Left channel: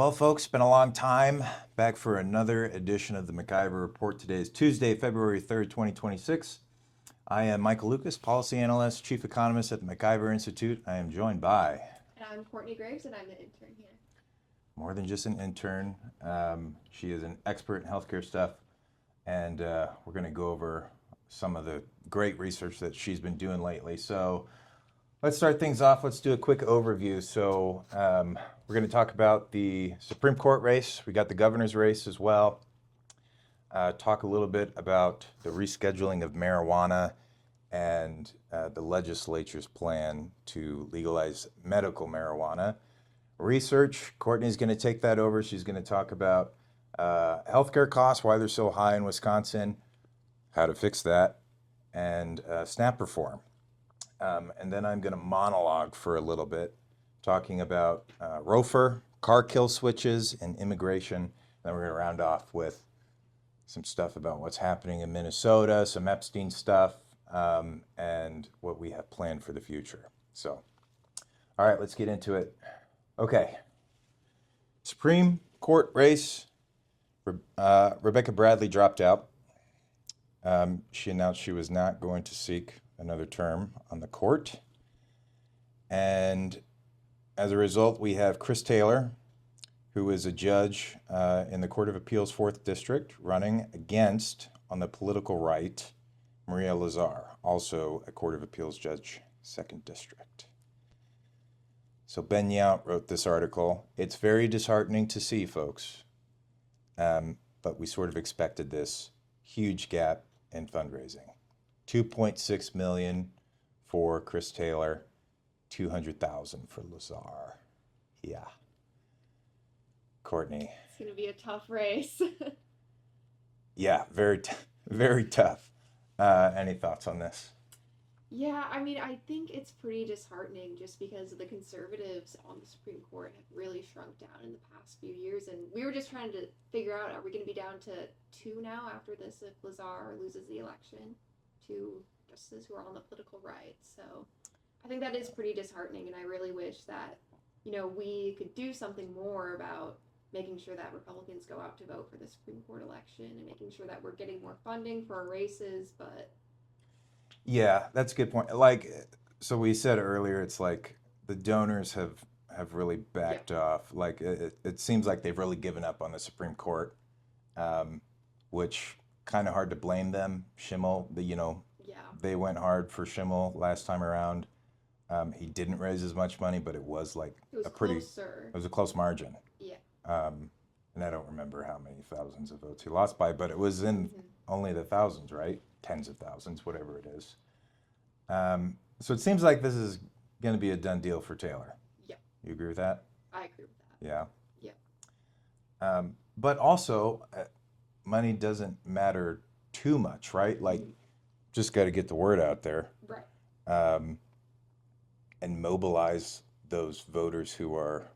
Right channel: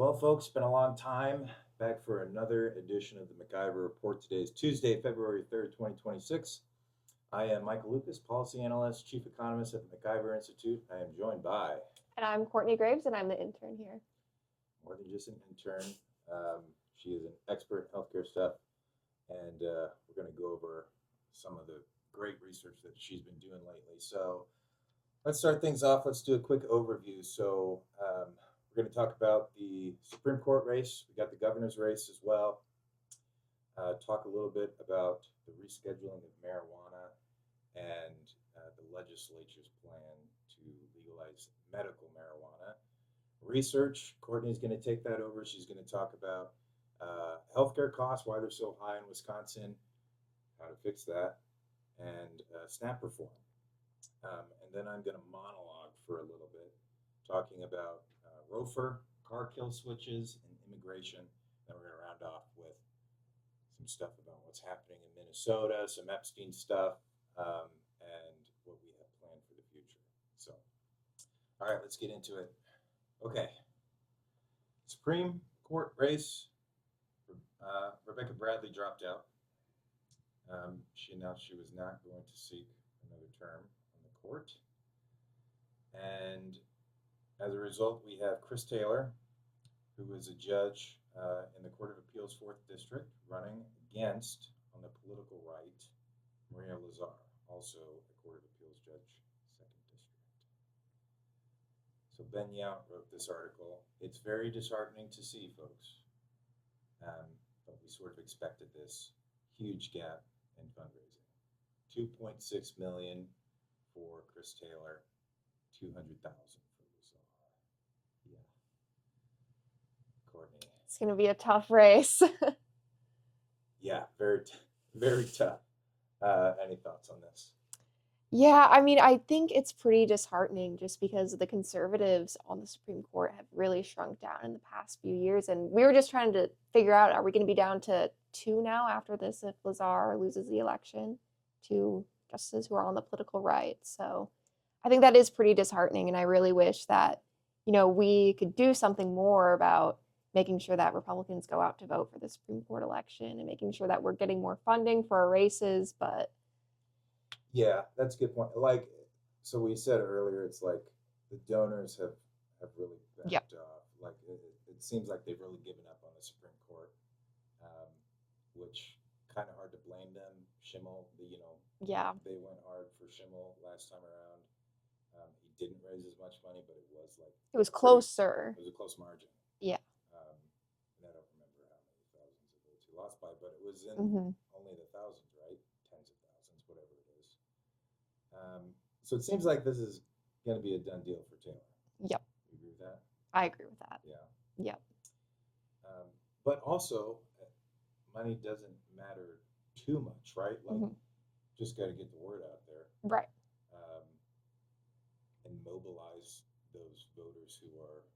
Well, folks, been a long time. Back for another edition of the MacIver Report. Today is Tuesday, February 3rd, 2026. I am Michael Lucas, policy analyst, chief economist at the MacIver Institute. I am joined by... And I'm Courtney Graves, and I'm the intern here. More than just an intern. She is an expert in healthcare stuff, and we're going to go over some of the great research that she's been doing lately. So let's start things off. Let's do a quick overview. So we're going to talk about the Supreme Court race. We got the governor's race as well. Talk a little bit about the rescheduling of marijuana and the legislature's plan to legalize medical marijuana. Research, Courtney's going to take that over. She's going to talk about healthcare costs, why they're so high in Wisconsin, how to fix that, and SNAP reform. And then I'm going to monologue for a little bit, talking about ROFR, car kill switches, and immigration. Then we're going to round off with some stuff about what's happening in Minnesota, some Epstein stuff, and what we have planned for the future. So, all right, let's get into it. Okay. Supreme Court race. Rebecca Bradley dropped out. She announced she was not going to seek another term on the court. And as a result, we have Chris Taylor, who is a judge in the Court of Appeals 4th District, running against, on the political right, Maria Lazar, also a Court of Appeals judge, 2nd District. So Ben Yount wrote this article. It's very disheartening to see, folks, but we sort of expected this huge gap in fundraising. $2.6 million for Chris Taylor, $200,000 for Lazar. Yeah. Courtney. It's going to be a tough race. Yeah, very tough. Any thoughts on this? Yeah, I mean, I think it's pretty disheartening just because the conservatives on the Supreme Court have really shrunk down in the past few years. And we were just trying to figure out, are we going to be down to 2 now after this if Lazar loses the election? 2 justices who are on the political right. So I think that is pretty disheartening. And I really wish that, we could do something more about making sure that Republicans go out to vote for the Supreme Court election and making sure that we're getting more funding for our races. But yeah, that's a good point. So we said earlier, it's like the donors have really backed off. Like it seems like they've really given up on the Supreme Court, which kind of hard to blame them. Schimmel, they went hard for Schimmel last time around. He didn't raise as much money, but it was closer. It was a close margin. Yeah. And I don't remember how many thousands of votes he lost by, but it was in only the thousands, right? Tens of thousands, whatever it is. So it seems like this is going to be a done deal for Taylor. Yep. You agree with that? I agree with that. Yeah. Yep. But also, money doesn't matter too much, right? Like, just got to get the word out there. Right. And mobilize those voters who are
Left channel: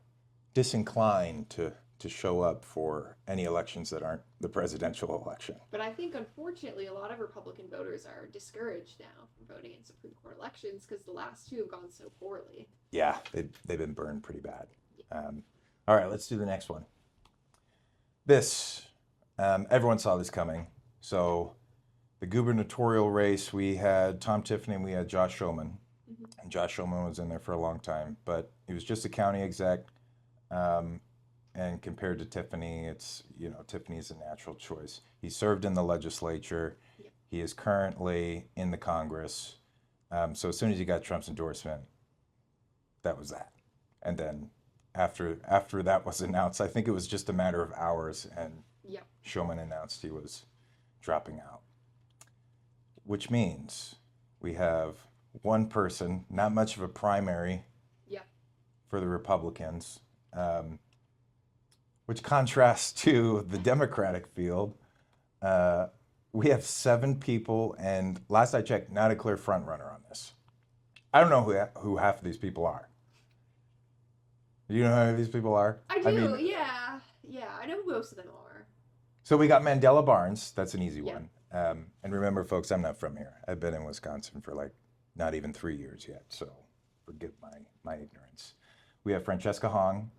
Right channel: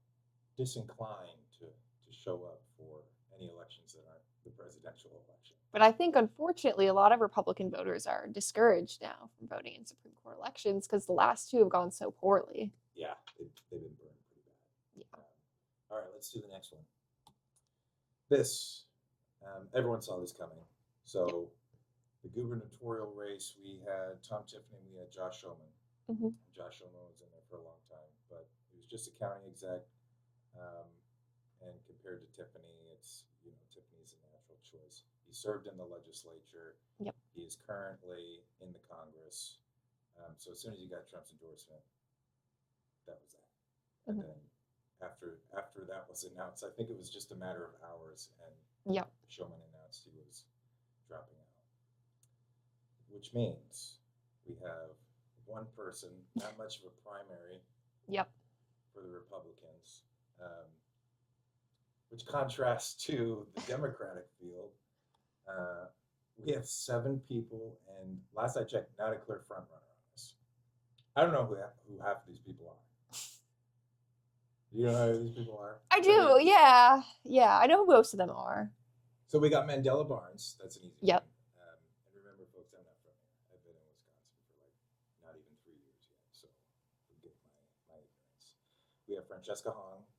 disinclined to show up for any elections that aren't the presidential election. But I think, unfortunately, a lot of Republican voters are discouraged now from voting in Supreme Court elections because the last 2 have gone so poorly. Yeah, they've been burned pretty bad. Yeah. All right, let's do the next one. This, everyone saw this coming. So the gubernatorial race, we had Tom Tiffany and we had Josh Schoeman. And Josh Schoeman was in there for a long time, but he was just a county exec. And compared to Tiffany, it's, Tiffany's a natural choice. He served in the legislature. Yep. He is currently in the Congress. So as soon as he got Trump's endorsement, that was that. And then after that was announced, I think it was just a matter of hours, and Schoeman announced he was dropping out. Which means we have one person, not much of a primary for the Republicans, which contrasts to the Democratic field. We have 7 people, and last I checked, not a clear front runner on this. I don't know who half of these people are. Do you know who these people are? I do, yeah. Yeah, I know who most of them are. So we got Mandela Barnes. That's an easy one. And remember, folks, I'm not from here. I've been in Wisconsin for not even 3 years yet, so forgive my ignorance. we have Francesca Hong,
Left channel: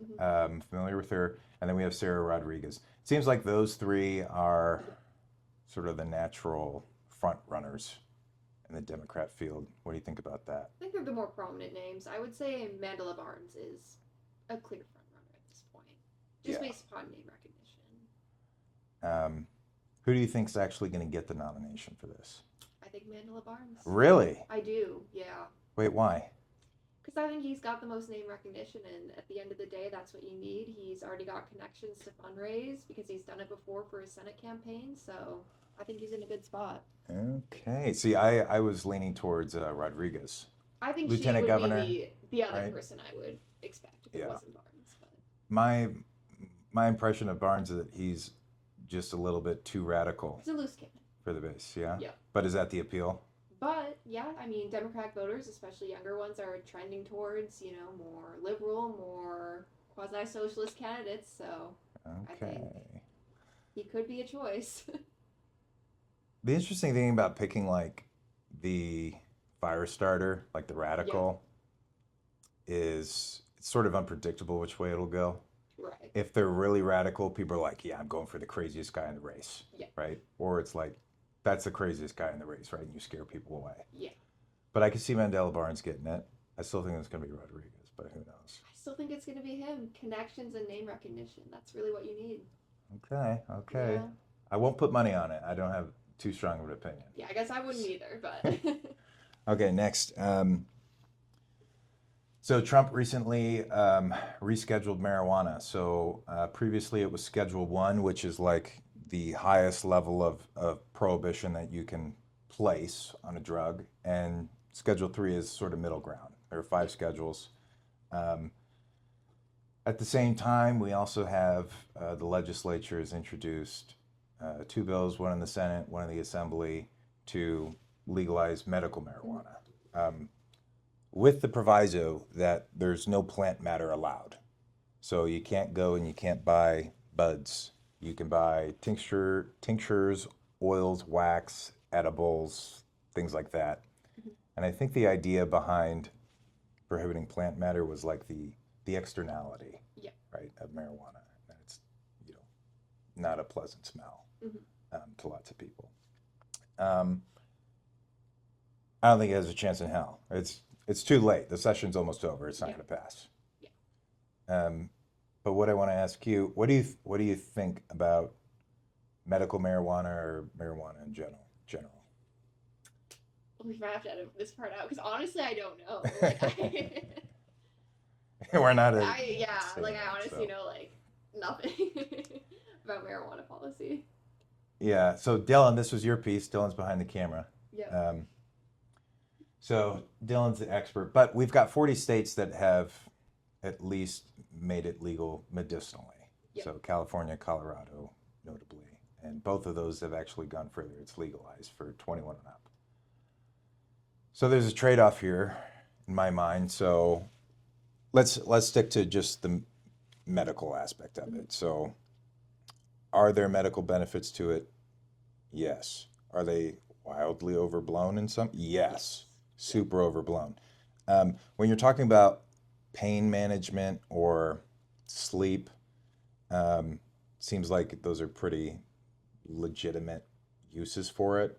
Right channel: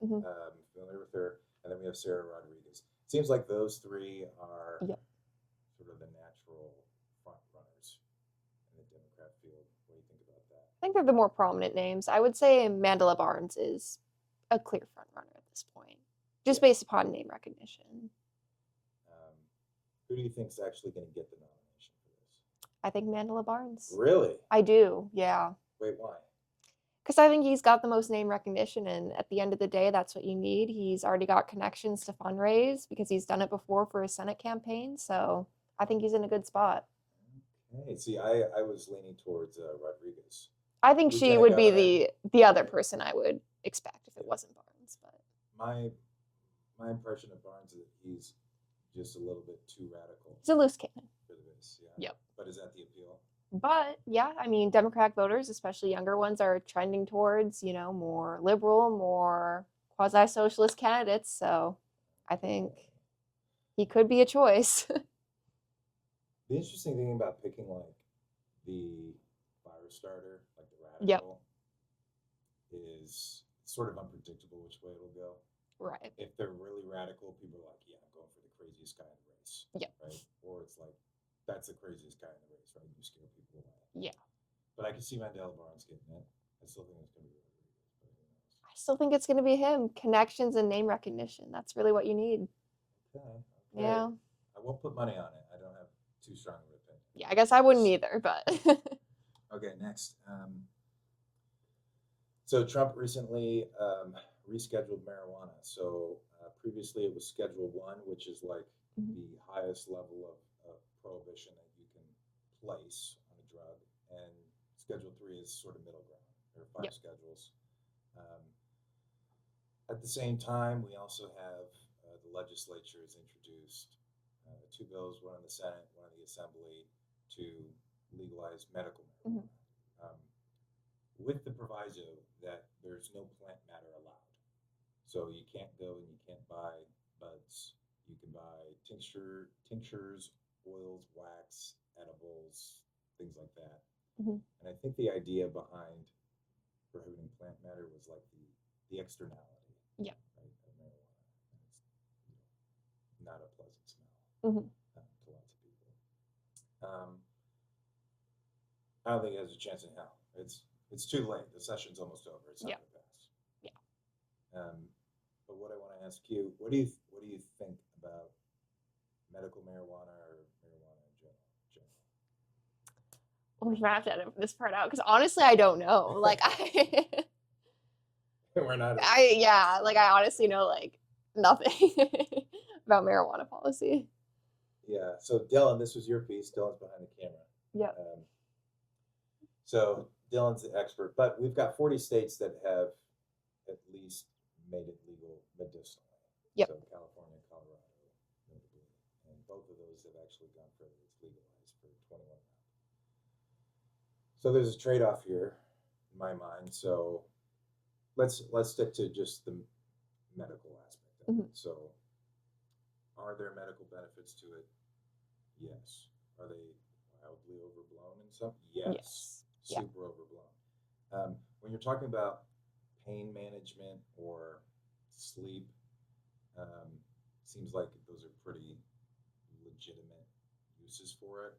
familiar with her, and then we have Sarah Rodriguez. Seems like those three are sort of the natural front runners in the Democrat field. What do you think about that? I think they're the more prominent names. I would say Mandela Barnes is a clear front runner at this point, just based upon name recognition. Who do you think is actually going to get the nomination for this? I think Mandela Barnes. Really? I do, yeah. Wait, why? Because I think he's got the most name recognition, and at the end of the day, that's what you need. He's already got connections to fundraise because he's done it before for his Senate campaign, so I think he's in a good spot. Okay. See, I was leaning towards Rodriguez. I think she Lieutenant would Governor, be the other right? person I would expect if it wasn't Barnes. But My impression of Barnes is that he's just a little bit too radical he's a loose cannon. for the base, yeah? Yeah. But is that the appeal? But yeah, I mean, Democratic voters, especially younger ones, are trending towards, more liberal, more quasi-socialist candidates. So I think he could be a choice. The interesting thing about picking like the fire starter, like the radical, is it's sort of unpredictable which way it'll go. Right. If they're really radical, people are like, yeah, I'm going for the craziest guy in the race. Yeah. Right? Or it's like, that's the craziest guy in the race, right? And you scare people away. Yeah. But I can see Mandela Barnes getting it. I still think it's going to be Rodriguez, but who knows? I still think it's going to be him. Connections and name recognition. That's really what you need. Okay. Yeah. I won't put money on it. I don't have too strong of an opinion. Yeah, I guess I wouldn't either, but. Okay, next. So Trump recently rescheduled marijuana. So previously it was Schedule 1, which is like the highest level of prohibition that you can place on a drug. And Schedule 3 is sort of middle ground. There are 5 schedules. At the same time, we also have the legislature has introduced 2 bills, one in the Senate, one in the Assembly, to legalize medical marijuana. With the proviso that there's no plant matter allowed. So you can't go and you can't buy buds. You can buy tinctures, oils, wax, edibles, things like that. And I think the idea behind prohibiting plant matter was like the externality, right, of marijuana. And it's not a pleasant smell to lots of people. I don't think it has a chance in hell. It's too late. The session's almost over. It's not going to pass. Yeah. But what I want to ask you, what do you think about medical marijuana or marijuana in general? We might have to edit this part out because honestly, I don't know. Like We're not. I honestly know like nothing about marijuana policy. Yeah. So Dylan, this was your piece. Dylan's behind the camera. Yeah. So Dylan's the expert, but we've got 40 states that have at least made it legal medicinally. Yep. So California, Colorado, notably, and both of those have actually gone further. It's legalized for 21 and up. So there's a trade-off here in my mind. So let's stick to just the medical aspect of it. So are there medical benefits to it? Yes. Are they wildly overblown in some? Yes. Super overblown. When you're talking about pain management or sleep, seems like those are pretty legitimate uses for it.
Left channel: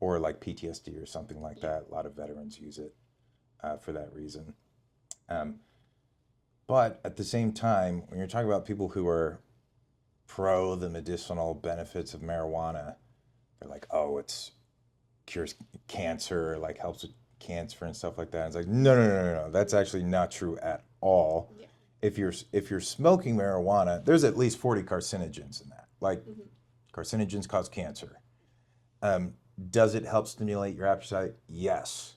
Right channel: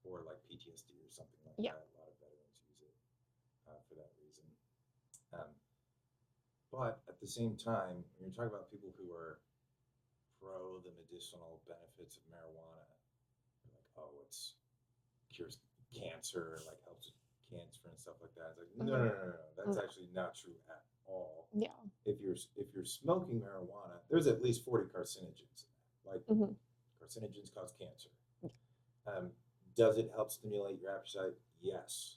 Or like PTSD or something like that. A lot of veterans use it for that reason. But at the same time, when you're talking about people who are pro the medicinal benefits of marijuana, they're like, oh, it's cures cancer, like helps with cancer and stuff like that. And it's like, no. That's actually not true at all. Yeah. If you're smoking marijuana, there's at least 40 carcinogens in that. Like carcinogens cause cancer. Does it help stimulate your appetite? Yes.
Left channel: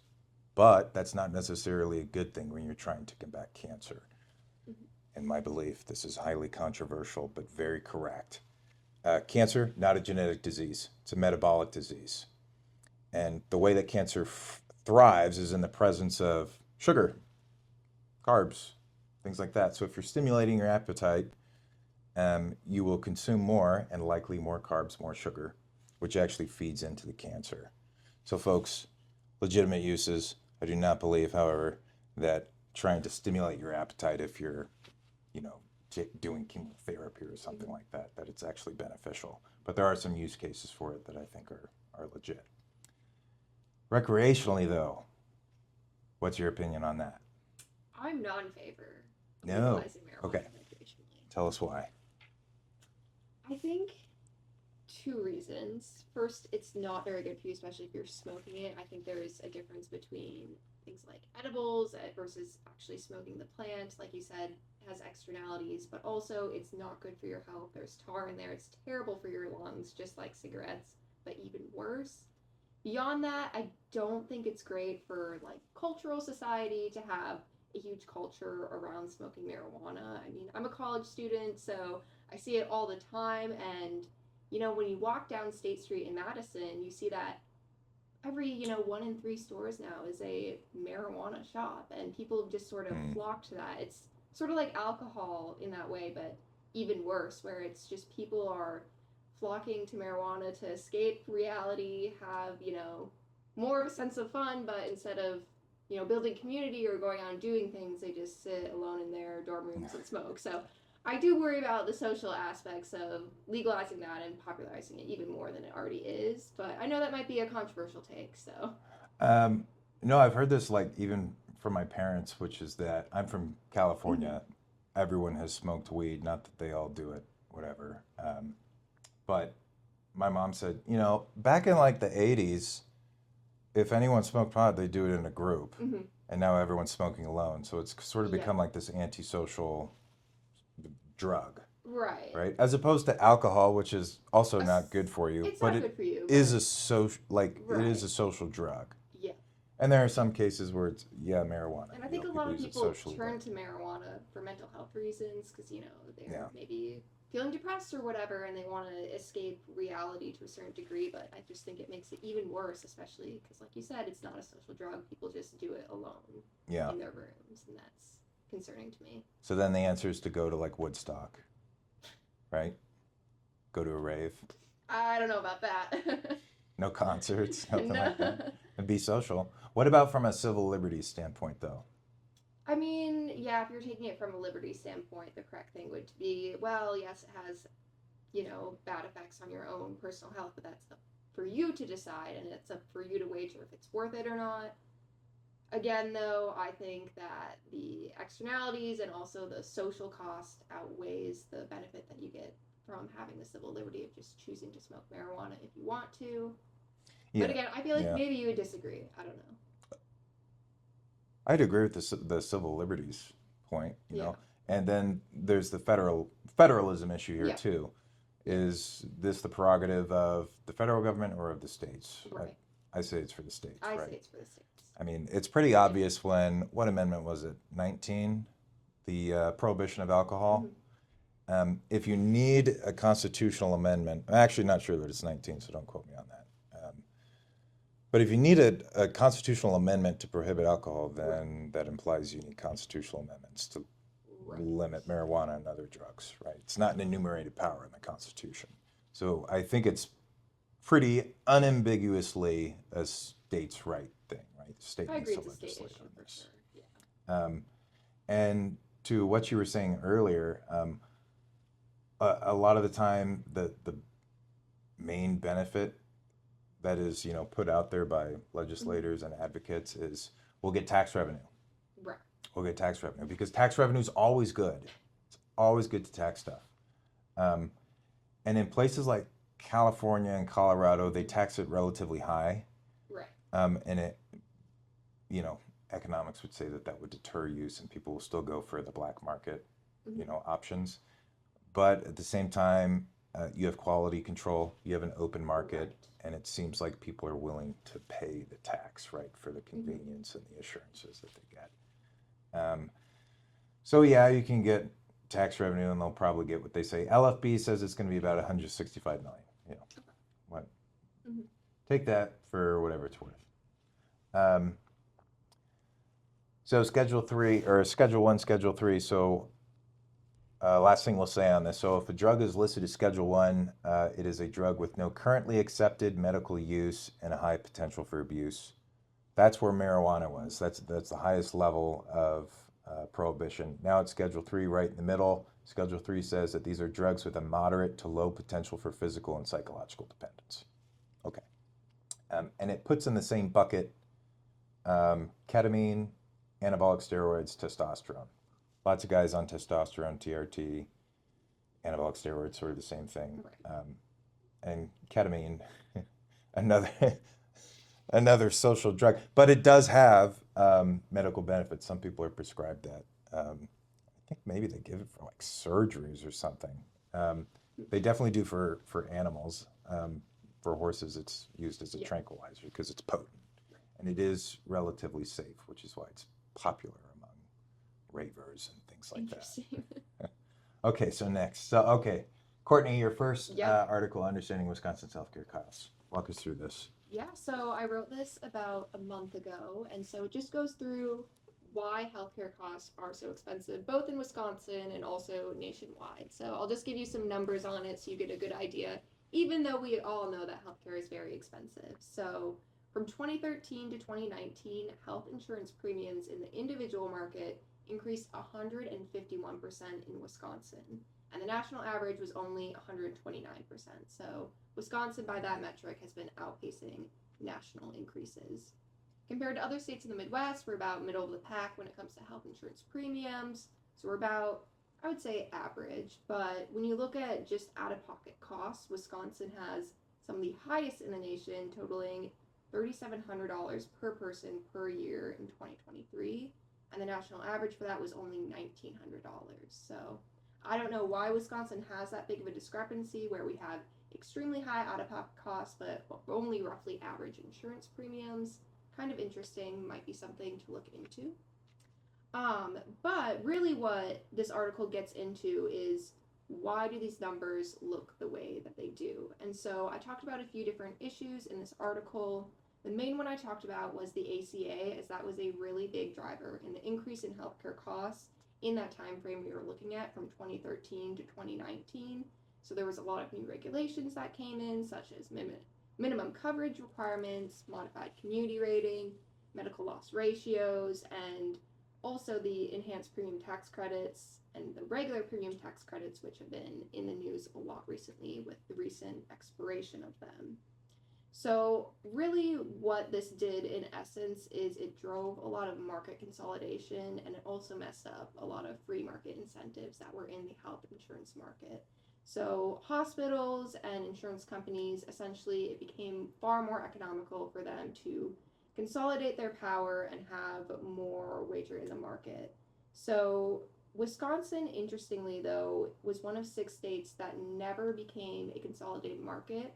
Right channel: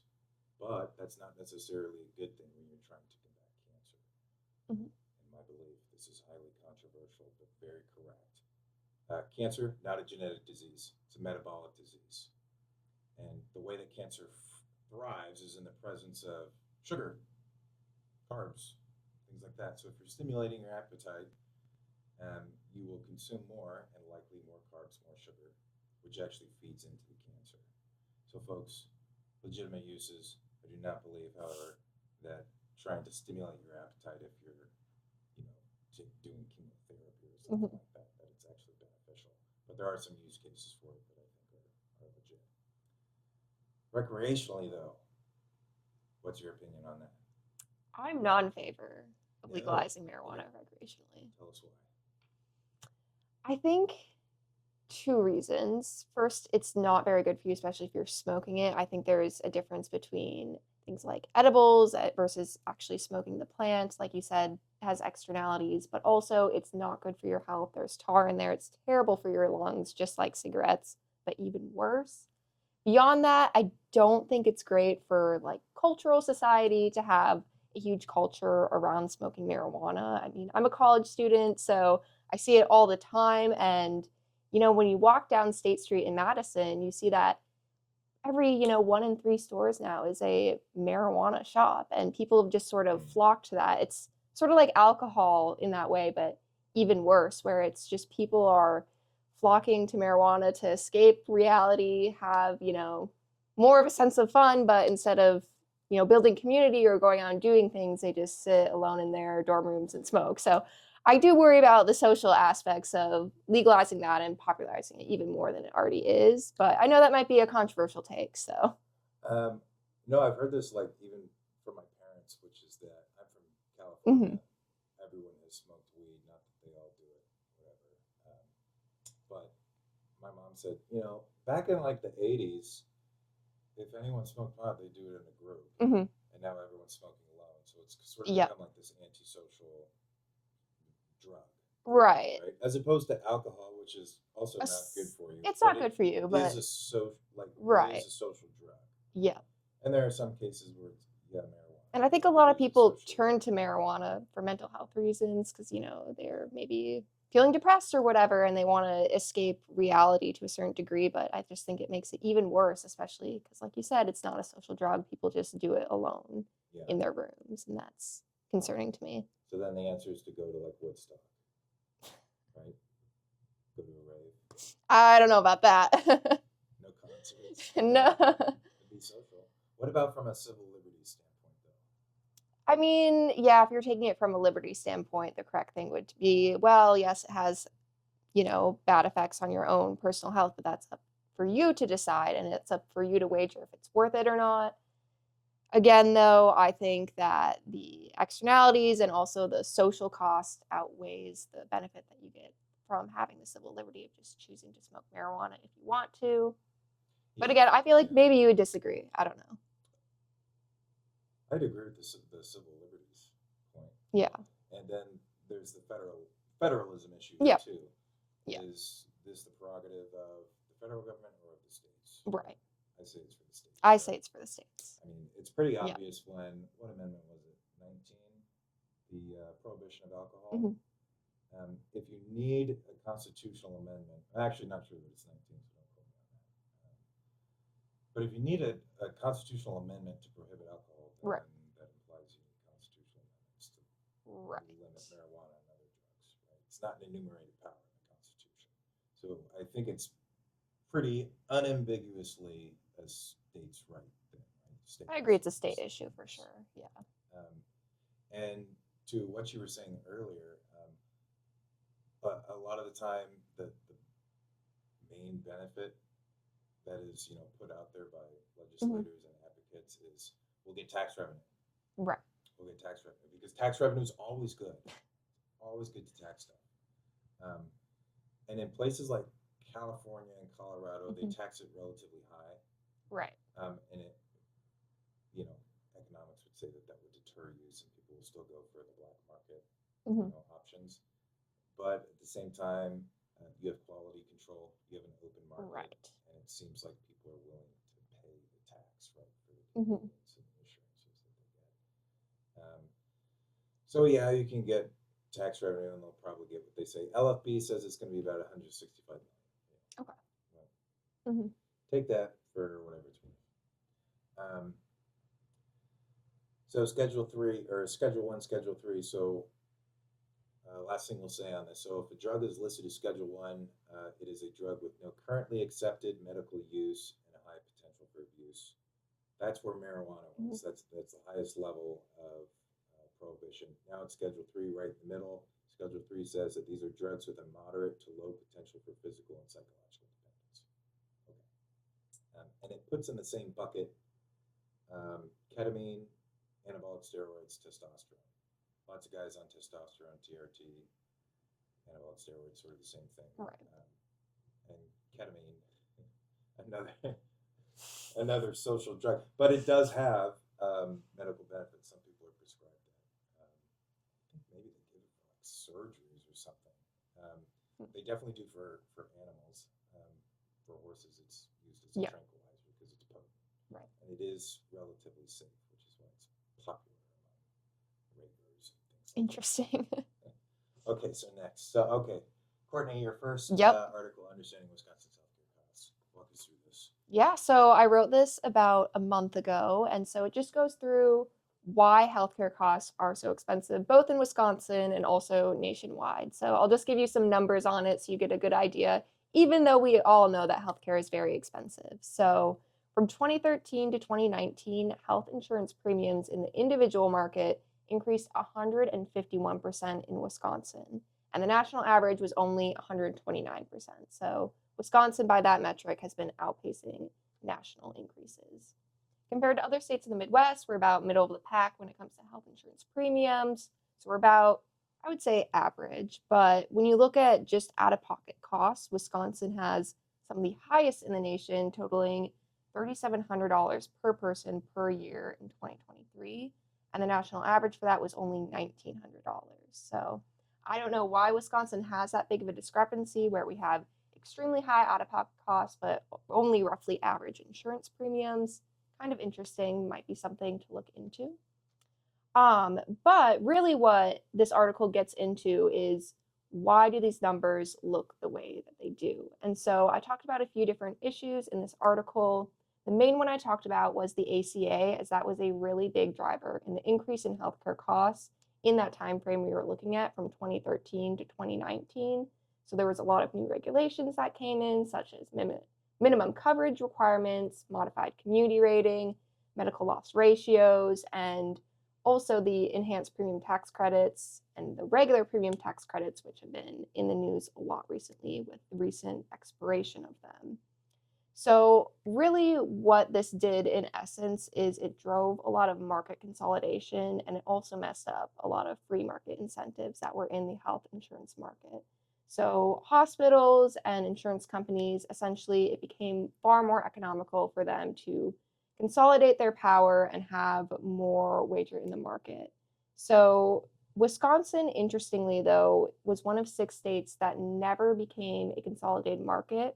But that's not necessarily a good thing when you're trying to combat cancer. In my belief, this is highly controversial, but very correct. Cancer, not a genetic disease. It's a metabolic disease. And the way that cancer thrives is in the presence of sugar, carbs, things like that. So if you're stimulating your appetite, you will consume more and likely more carbs, more sugar, which actually feeds into the cancer. So folks, legitimate uses. I do not believe, however, that trying to stimulate your appetite if you're, you know, doing chemotherapy or something like that, that it's actually beneficial. But there are some use cases for it that I think are legit. Recreationally, though, what's your opinion on that? I'm not in favor of No. legalizing marijuana Okay. recreationally. Tell us why. I think two reasons. First, it's not very good for you, especially if you're smoking it. I think there is a difference between things like edibles versus actually smoking the plant. Like you said, it has externalities, but also it's not good for your health. There's tar in there. It's terrible for your lungs, just like cigarettes, but even worse. Beyond that, I don't think it's great for like cultural society to have a huge culture around smoking marijuana. I mean, I'm a college student, so I see it all the time. And, when you walk down State Street in Madison, you see that every, 1 in 3 stores now is a marijuana shop. And people have just sort of flocked to that. It's sort of like alcohol in that way, but even worse, where it's just people are flocking to marijuana to escape reality, have, more of a sense of fun, but instead of, building community or going out and doing things, they just sit alone in their dorm rooms and smoke. So I do worry about the social aspects of legalizing that and popularizing it even more than it already is. But I know that might be a controversial take, so. No, I've heard this like even from my parents, which is that I'm from California. Everyone has smoked weed, not that they all do it, whatever. But my mom said, back in like the 80s, if anyone smoked pot, they do it in a group. And now everyone's smoking alone. So it's sort of become like this antisocial drug. Right. Right? As opposed to alcohol, which is also not good for you. It's not good for you. But is a social it is a social drug. Yeah. And there are some cases where it's marijuana. And I think a lot of people turn to marijuana for mental health reasons because, they're maybe feeling depressed or whatever, and they want to escape reality to a certain degree. But I just think it makes it even worse, especially because, like you said, it's not a social drug. People just do it alone in their rooms, and that's concerning to me. So then the answer is to go to like Woodstock, right? Go to a rave. I don't know about that. No concerts. No. And be social. What about from a civil liberties standpoint, though? I mean, yeah, if you're taking it from a liberty standpoint, the correct thing would be, well, yes, it has, bad effects on your own personal health, but that's up for you to decide, and it's up for you to wager if it's worth it or not. Again, though, I think that the externalities and also the social cost outweighs the benefit that you get from having the civil liberty of just choosing to smoke marijuana if you want to. Yeah. But again, I feel like maybe you would disagree. I don't know. I'd agree with the civil liberties point. You know? And then there's the federalism issue here too. Is this the prerogative of the federal government or of the states? Right. I say it's for the states. I say it's for the states. I mean, it's pretty obvious when, what amendment was it? 19? The prohibition of alcohol. If you need a constitutional amendment, I'm actually not sure that it's 19, so don't quote me on that. But if you need a constitutional amendment to prohibit alcohol, then that implies you need constitutional amendments to limit marijuana and other drugs, right? It's not an enumerated power in the Constitution. So I think it's pretty unambiguously a states' right thing, right? I agree, it's a state issue for sure, yeah. And to what you were saying earlier, a lot of the time the main benefit that is, put out there by legislators and advocates is we'll get tax revenue. Right. We'll get tax revenue because tax revenue is always good. It's always good to tax stuff. And in places like California and Colorado, they tax it relatively high. Right. And it, economics would say that would deter use and people will still go for the black market, options. But at the same time, you have quality control, you have an open market, and it seems like people are willing to pay the tax, right, for the convenience and the assurances that they get. So yeah, you can get tax revenue, and they'll probably get what they say. LFB says it's going to be about 165 million. Okay. What? Take that for whatever it's worth. So Schedule 1, Schedule 3. So last thing we'll say on this. So if a drug is listed as Schedule 1, it is a drug with no currently accepted medical use and a high potential for abuse. That's where marijuana was. That's the highest level of prohibition. Now it's Schedule 3 right in the middle. Schedule 3 says that these are drugs with a moderate to low potential for physical and psychological dependence. Okay. And it puts in the same bucket ketamine, anabolic steroids, testosterone. Lots of guys on testosterone, TRT, anabolic steroids, sort of the same thing. Right. And ketamine, another social drug, but it does have medical benefits. Some people are prescribed that. I think maybe they give it for like surgeries or something. They definitely do for animals. For horses, it's used as a tranquilizer because it's potent. Right. And it is relatively safe, which is why it's popular among ravers and things like Interesting. that. Okay, so next. So, okay, Courtney, your first article, Understanding Wisconsin's Healthcare Costs. Walk us through this. Yeah, so I wrote this about a month ago, and so it just goes through why healthcare costs are so expensive, both in Wisconsin and also nationwide. So I'll just give you some numbers on it so you get a good idea, even though we all know that healthcare is very expensive. So from 2013 to 2019, health insurance premiums in the individual market increased 151% in Wisconsin, and the national average was only 129%. So Wisconsin, by that metric, has been outpacing national increases. Compared to other states in the Midwest, we're about middle of the pack when it comes to health insurance premiums. So we're about, I would say, average. But when you look at just out-of-pocket costs, Wisconsin has some of the highest in the nation, totaling $3,700 per person per year in 2023. And the national average for that was only $1,900. So I don't know why Wisconsin has that big of a discrepancy where we have extremely high out-of-pocket costs, but only roughly average insurance premiums. Kind of interesting, might be something to look into. But really what this article gets into is why do these numbers look the way that they do? And so I talked about a few different issues in this article. The main one I talked about was the ACA, as that was a really big driver in the increase in healthcare costs in that time frame we were looking at from 2013 to 2019. So there was a lot of new regulations that came in, such as minimum coverage requirements, modified community rating, medical loss ratios, and also the enhanced premium tax credits and the regular premium tax credits, which have been in the news a lot recently with the recent expiration of them. So really what this did in essence is it drove a lot of market consolidation, and it also messed up a lot of free market incentives that were in the health insurance market. So hospitals and insurance companies, essentially, it became far more economical for them to consolidate their power and have more wager in the market. So Wisconsin, interestingly, though, was one of 6 states that never became a consolidated market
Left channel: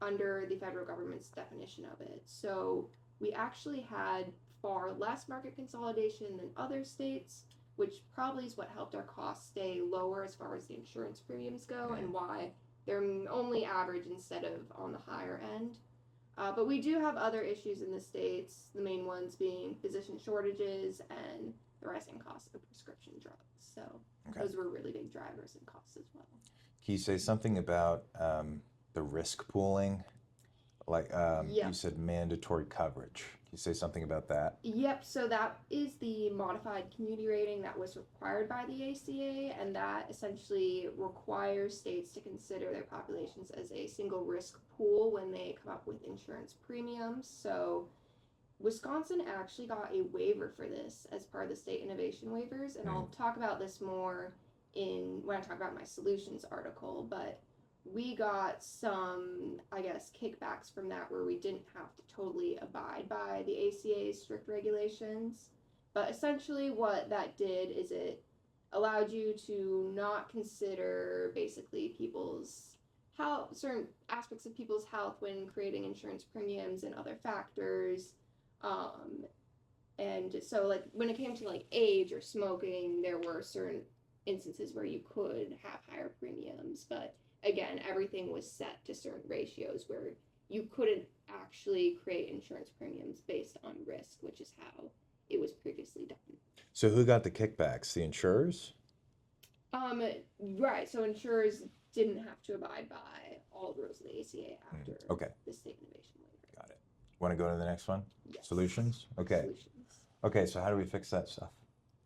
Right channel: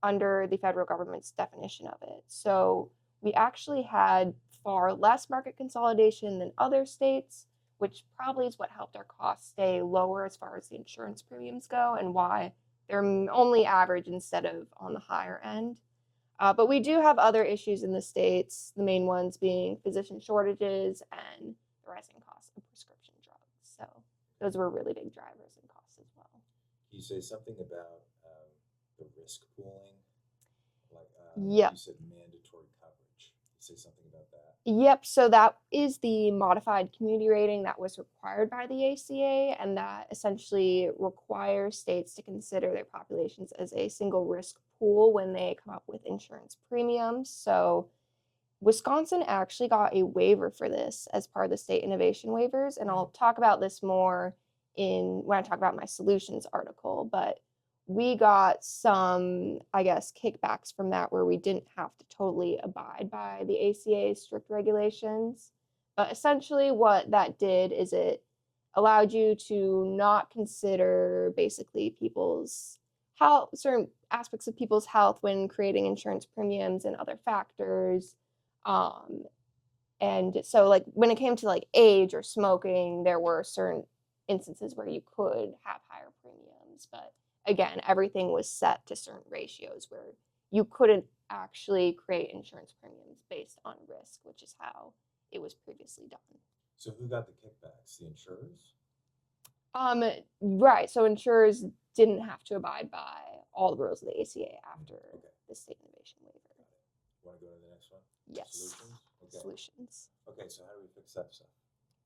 under the federal government's definition of it. So we actually had far less market consolidation than other states, which probably is what helped our costs stay lower as far as the insurance premiums go and why they're only average instead of on the higher end. But we do have other issues in the states, the main ones being physician shortages and the rising cost of prescription drugs. So those were really big drivers in costs as well. Can you say something about the risk pooling? Like you said, mandatory coverage. Can you say something about that? Yep, so that is the modified community rating that was required by the ACA, and that essentially requires states to consider their populations as a single risk pool when they come up with insurance premiums. So Wisconsin actually got a waiver for this as part of the state innovation waivers, and I'll talk about this more when I talk about my solutions article, but we got some, I guess, kickbacks from that where we didn't have to totally abide by the ACA's strict regulations. But essentially what that did is it allowed you to not consider basically people's health, certain aspects of people's health when creating insurance premiums and other factors. And so like when it came to like age or smoking, there were certain instances where you could have higher premiums, but again, everything was set to certain ratios where you couldn't actually create insurance premiums based on risk, which is how it was previously done. So who got the kickbacks? The insurers? Right. So insurers didn't have to abide by all the rules of the ACA after the state innovation waiver. Got it. Want to go to the next one? Yes. Solutions? Okay. Solutions. Okay, so how do we fix that stuff?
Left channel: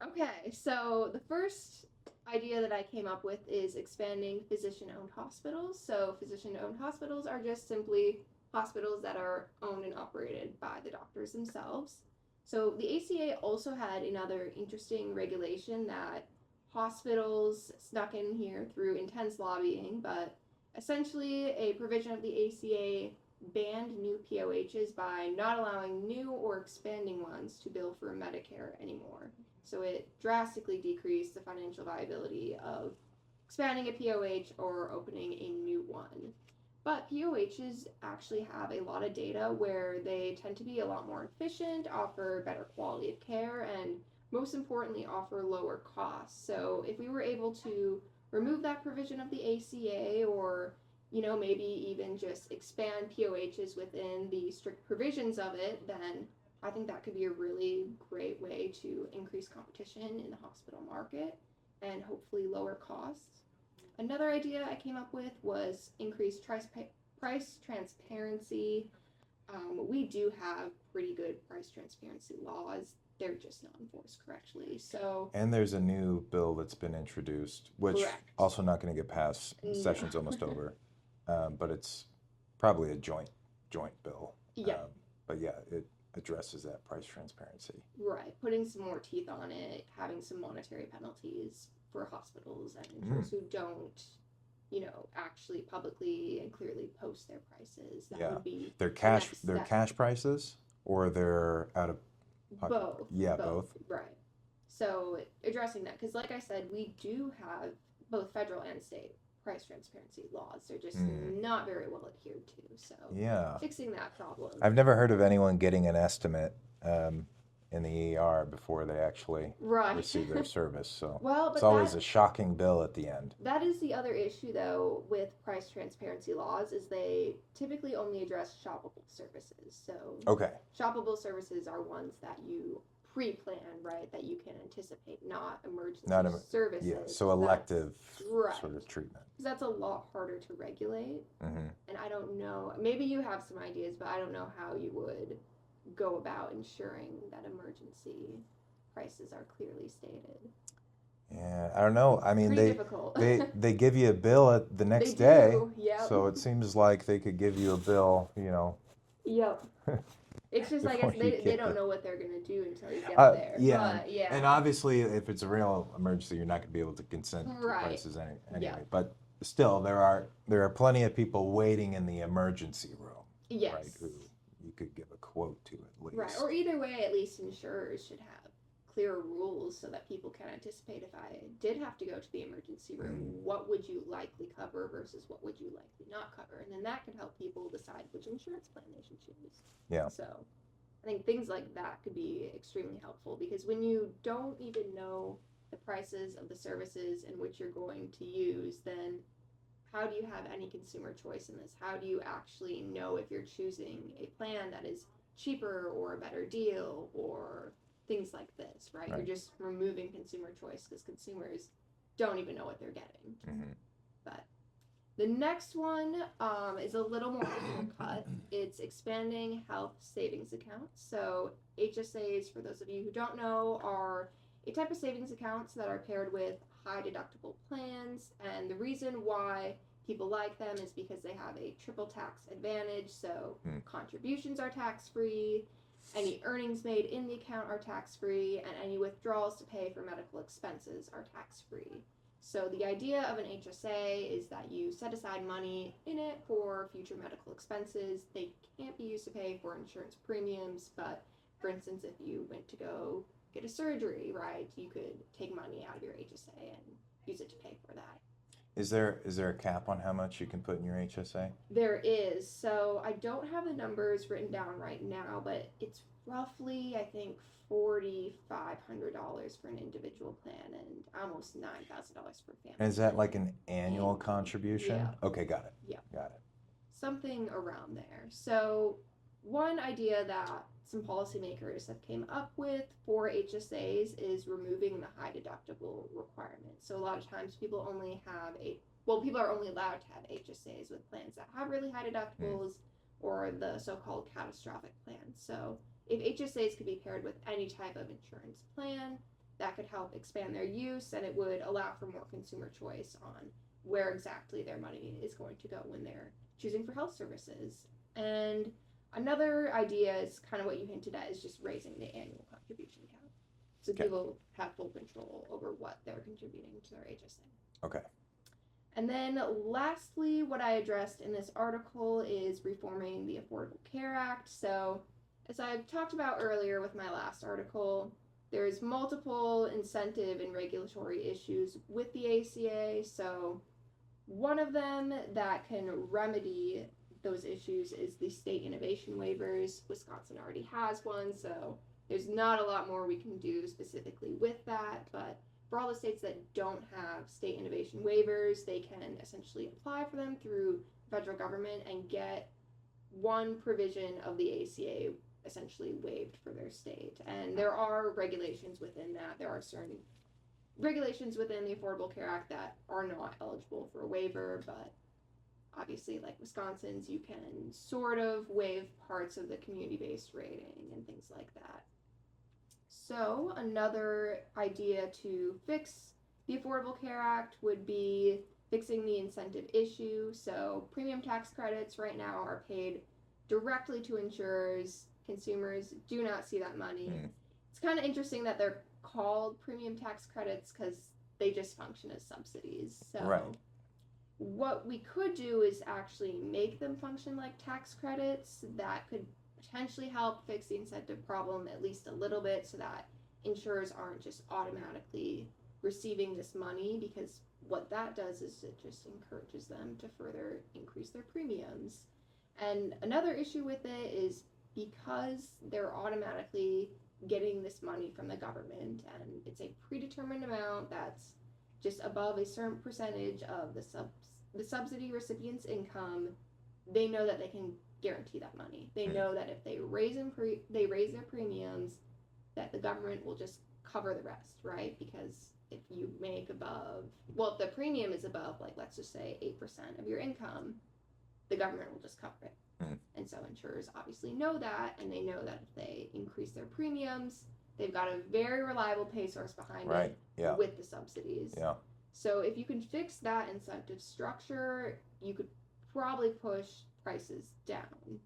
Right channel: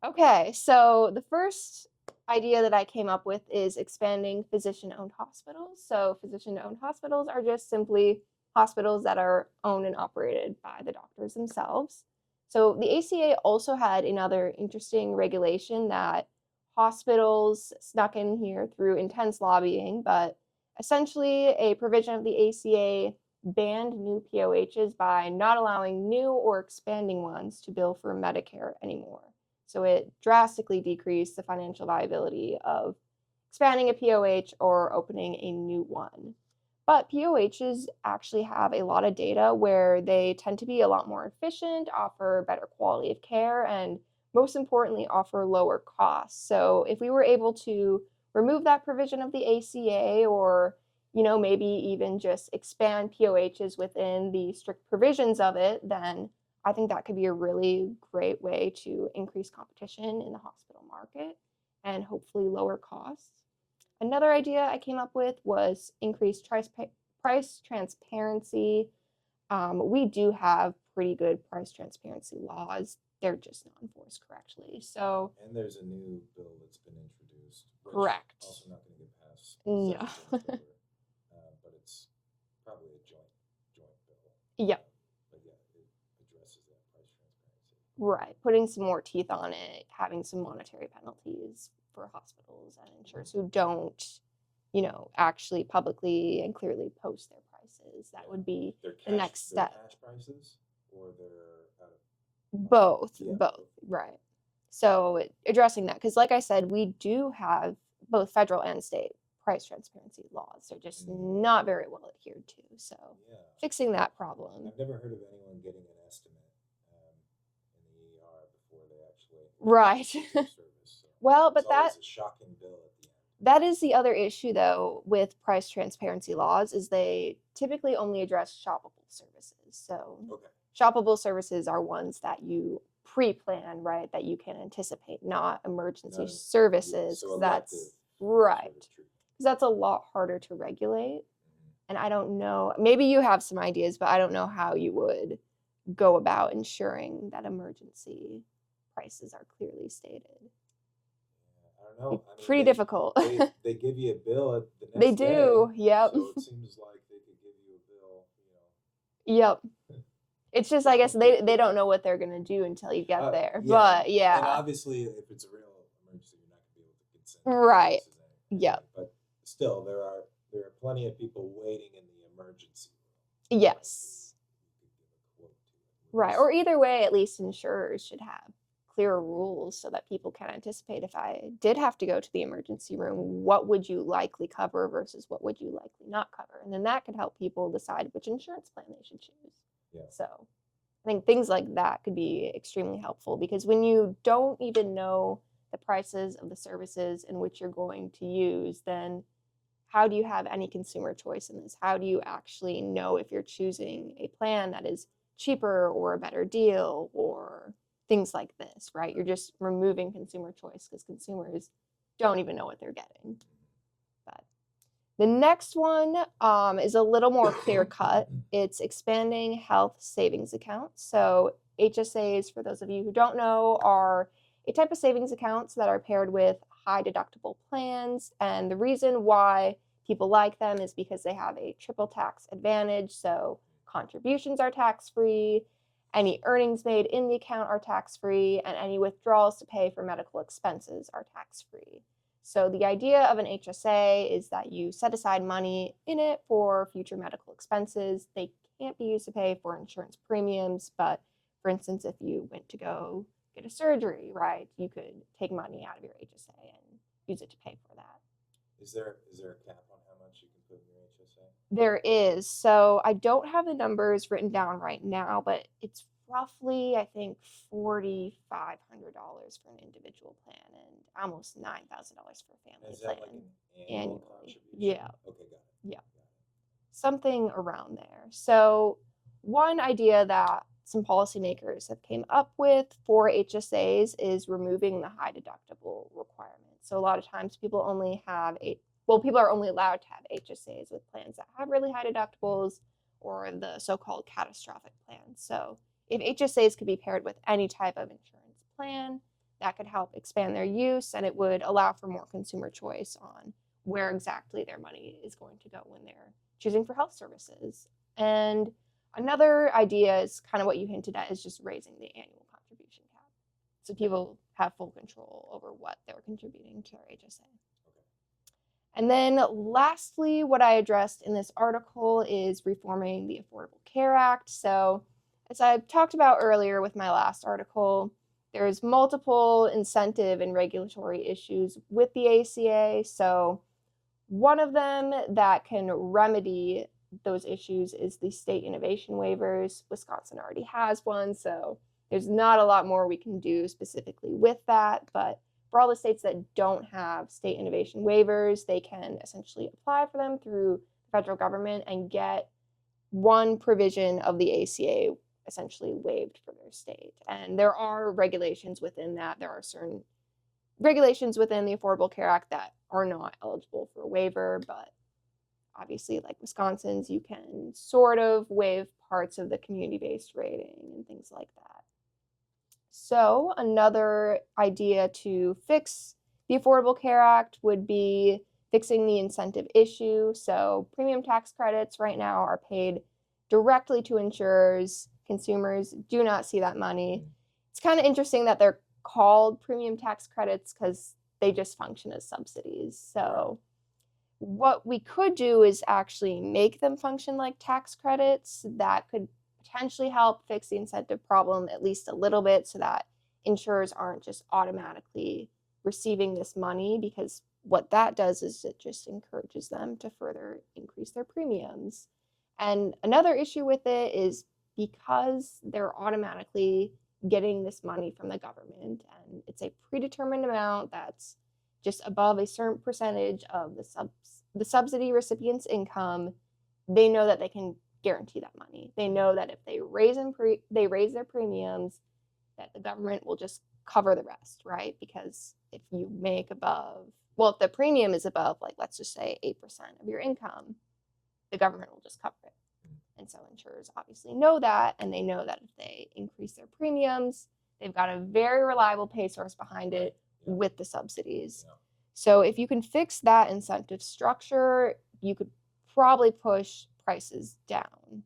Okay, so the first idea that I came up with is expanding physician-owned hospitals. So physician-owned hospitals are just simply hospitals that are owned and operated by the doctors themselves. So the ACA also had another interesting regulation that hospitals snuck in here through intense lobbying, but essentially a provision of the ACA banned new POHs by not allowing new or expanding ones to bill for Medicare anymore. So it drastically decreased the financial viability of expanding a POH or opening a new one. But POHs actually have a lot of data where they tend to be a lot more efficient, offer better quality of care, and most importantly, offer lower costs. So if we were able to remove that provision of the ACA or maybe even just expand POHs within the strict provisions of it, then I think that could be a really great way to increase competition in the hospital market and hopefully lower costs. Another idea I came up with was increased price transparency. We do have pretty good price transparency laws. They're just not enforced correctly. So, And there's a new bill that's been introduced, which correct. also not going to get passed. No. Session's almost over, but it's probably a joint bill. Yep. But yeah, it addresses that price transparency. Right. Putting some more teeth on it, having some monetary penalties for hospitals and insurers who don't, actually publicly and clearly post their prices. That would be their the next their step. cash prices, or their out of pocket? Both. Yeah, both. Right. So addressing that, because like I said, we do have both federal and state price transparency laws. They're just not very well adhered to. So yeah, fixing that problem. I've never heard of anyone getting an estimate in the ER before they actually receive their service. So well, but it's always a shocking bill at the end. That is the other issue, though, with price transparency laws is they typically only address shoppable services. So shoppable services are ones that you pre-plan, right, that you can anticipate, not emergency services. Yeah, so elective sort of treatment. Because that's a lot harder to regulate. And I don't know, maybe you have some ideas, but I don't know how you would go about ensuring that emergency prices are clearly stated. Yeah, I don't know. I mean, pretty difficult. they give you a bill at the next day. They do, yep. So it seems like they could give you a bill, Yep. It's just, I guess, they don't know what they're going to do until you get there. Yeah. But, yeah. And obviously, if it's a real emergency, you're not going to be able to consent to prices anyway. Yeah. But still, there are plenty of people waiting in the emergency room. Yes. Right, who you could give a quote to at least. Right. Or either way, at least insurers should have clearer rules so that people can anticipate if I did have to go to the emergency room, what would you likely cover versus what would you likely not cover? And then that could help people decide which insurance plan they should choose. Yeah. So I think things like that could be extremely helpful because when you don't even know the prices of the services in which you're going to use, then how do you have any consumer choice in this? How do you actually know if you're choosing a plan that is cheaper or a better deal or things like this, right? You're just removing consumer choice because consumers don't even know what they're getting. But the next one is a little more clear cut. It's expanding health savings accounts. So HSAs, for those of you who don't know, are a type of savings accounts that are paired with high deductible plans. And the reason why people like them is because they have a triple tax advantage. So contributions are tax-free. Any earnings made in the account are tax-free, and any withdrawals to pay for medical expenses are tax-free. So the idea of an HSA is that you set aside money in it for future medical expenses. They can't be used to pay for insurance premiums, but for instance, if you went to go get a surgery, right, you could take money out of your HSA and use it to pay for that. Is there a cap on how much you can put in your HSA? There is. So I don't have the numbers written down right now, but it's roughly, I think, $4,500 for an individual plan and almost $9,000 for a family. And is that like an annual contribution? Yeah. Okay, got it. Yeah. Got it. Something around there. So one idea that some policymakers have came up with for HSAs is removing the high deductible requirement. So a lot of times people are only allowed to have HSAs with plans that have really high deductibles or the so-called catastrophic plans. So if HSAs could be paired with any type of insurance plan, that could help expand their use, and it would allow for more consumer choice on where exactly their money is going to go when they're choosing for health services. And another idea is kind of what you hinted at, is just raising the annual contribution cap. So people have full control over what they're contributing to their HSA. Okay. And then lastly, what I addressed in this article is reforming the Affordable Care Act. So as I talked about earlier with my last article, there's multiple incentive and regulatory issues with the ACA. So one of them that can remedy those issues is the state innovation waivers. Wisconsin already has one, so there's not a lot more we can do specifically with that. But for all the states that don't have state innovation waivers, they can essentially apply for them through federal government and get one provision of the ACA essentially waived for their state. And there are regulations within that. There are certain regulations within the Affordable Care Act that are not eligible for a waiver, but obviously, like Wisconsin's, you can sort of waive parts of the community-based rating and things like that. So another idea to fix the Affordable Care Act would be fixing the incentive issue. So premium tax credits right now are paid directly to insurers. Consumers do not see that money. It's kind of interesting that they're called premium tax credits because they just function as subsidies. So what we could do is actually make them function like tax credits. That could potentially help fix the incentive problem at least a little bit, so that insurers aren't just automatically receiving this money, because what that does is it just encourages them to further increase their premiums. And another issue with it is because they're automatically getting this money from the government, and it's a predetermined amount that's just above a certain percentage of the subsidy recipient's income, they know that they can guarantee that money. They know that if they raise their premiums, that the government will just cover the rest, right? Because if you make above, well, if the premium is above, like, let's just say 8% of your income, the government will just cover it. And so insurers obviously know that, and they know that if they increase their premiums, they've got a very reliable pay source behind it with the subsidies. So if you can fix that incentive structure, you could probably push prices down.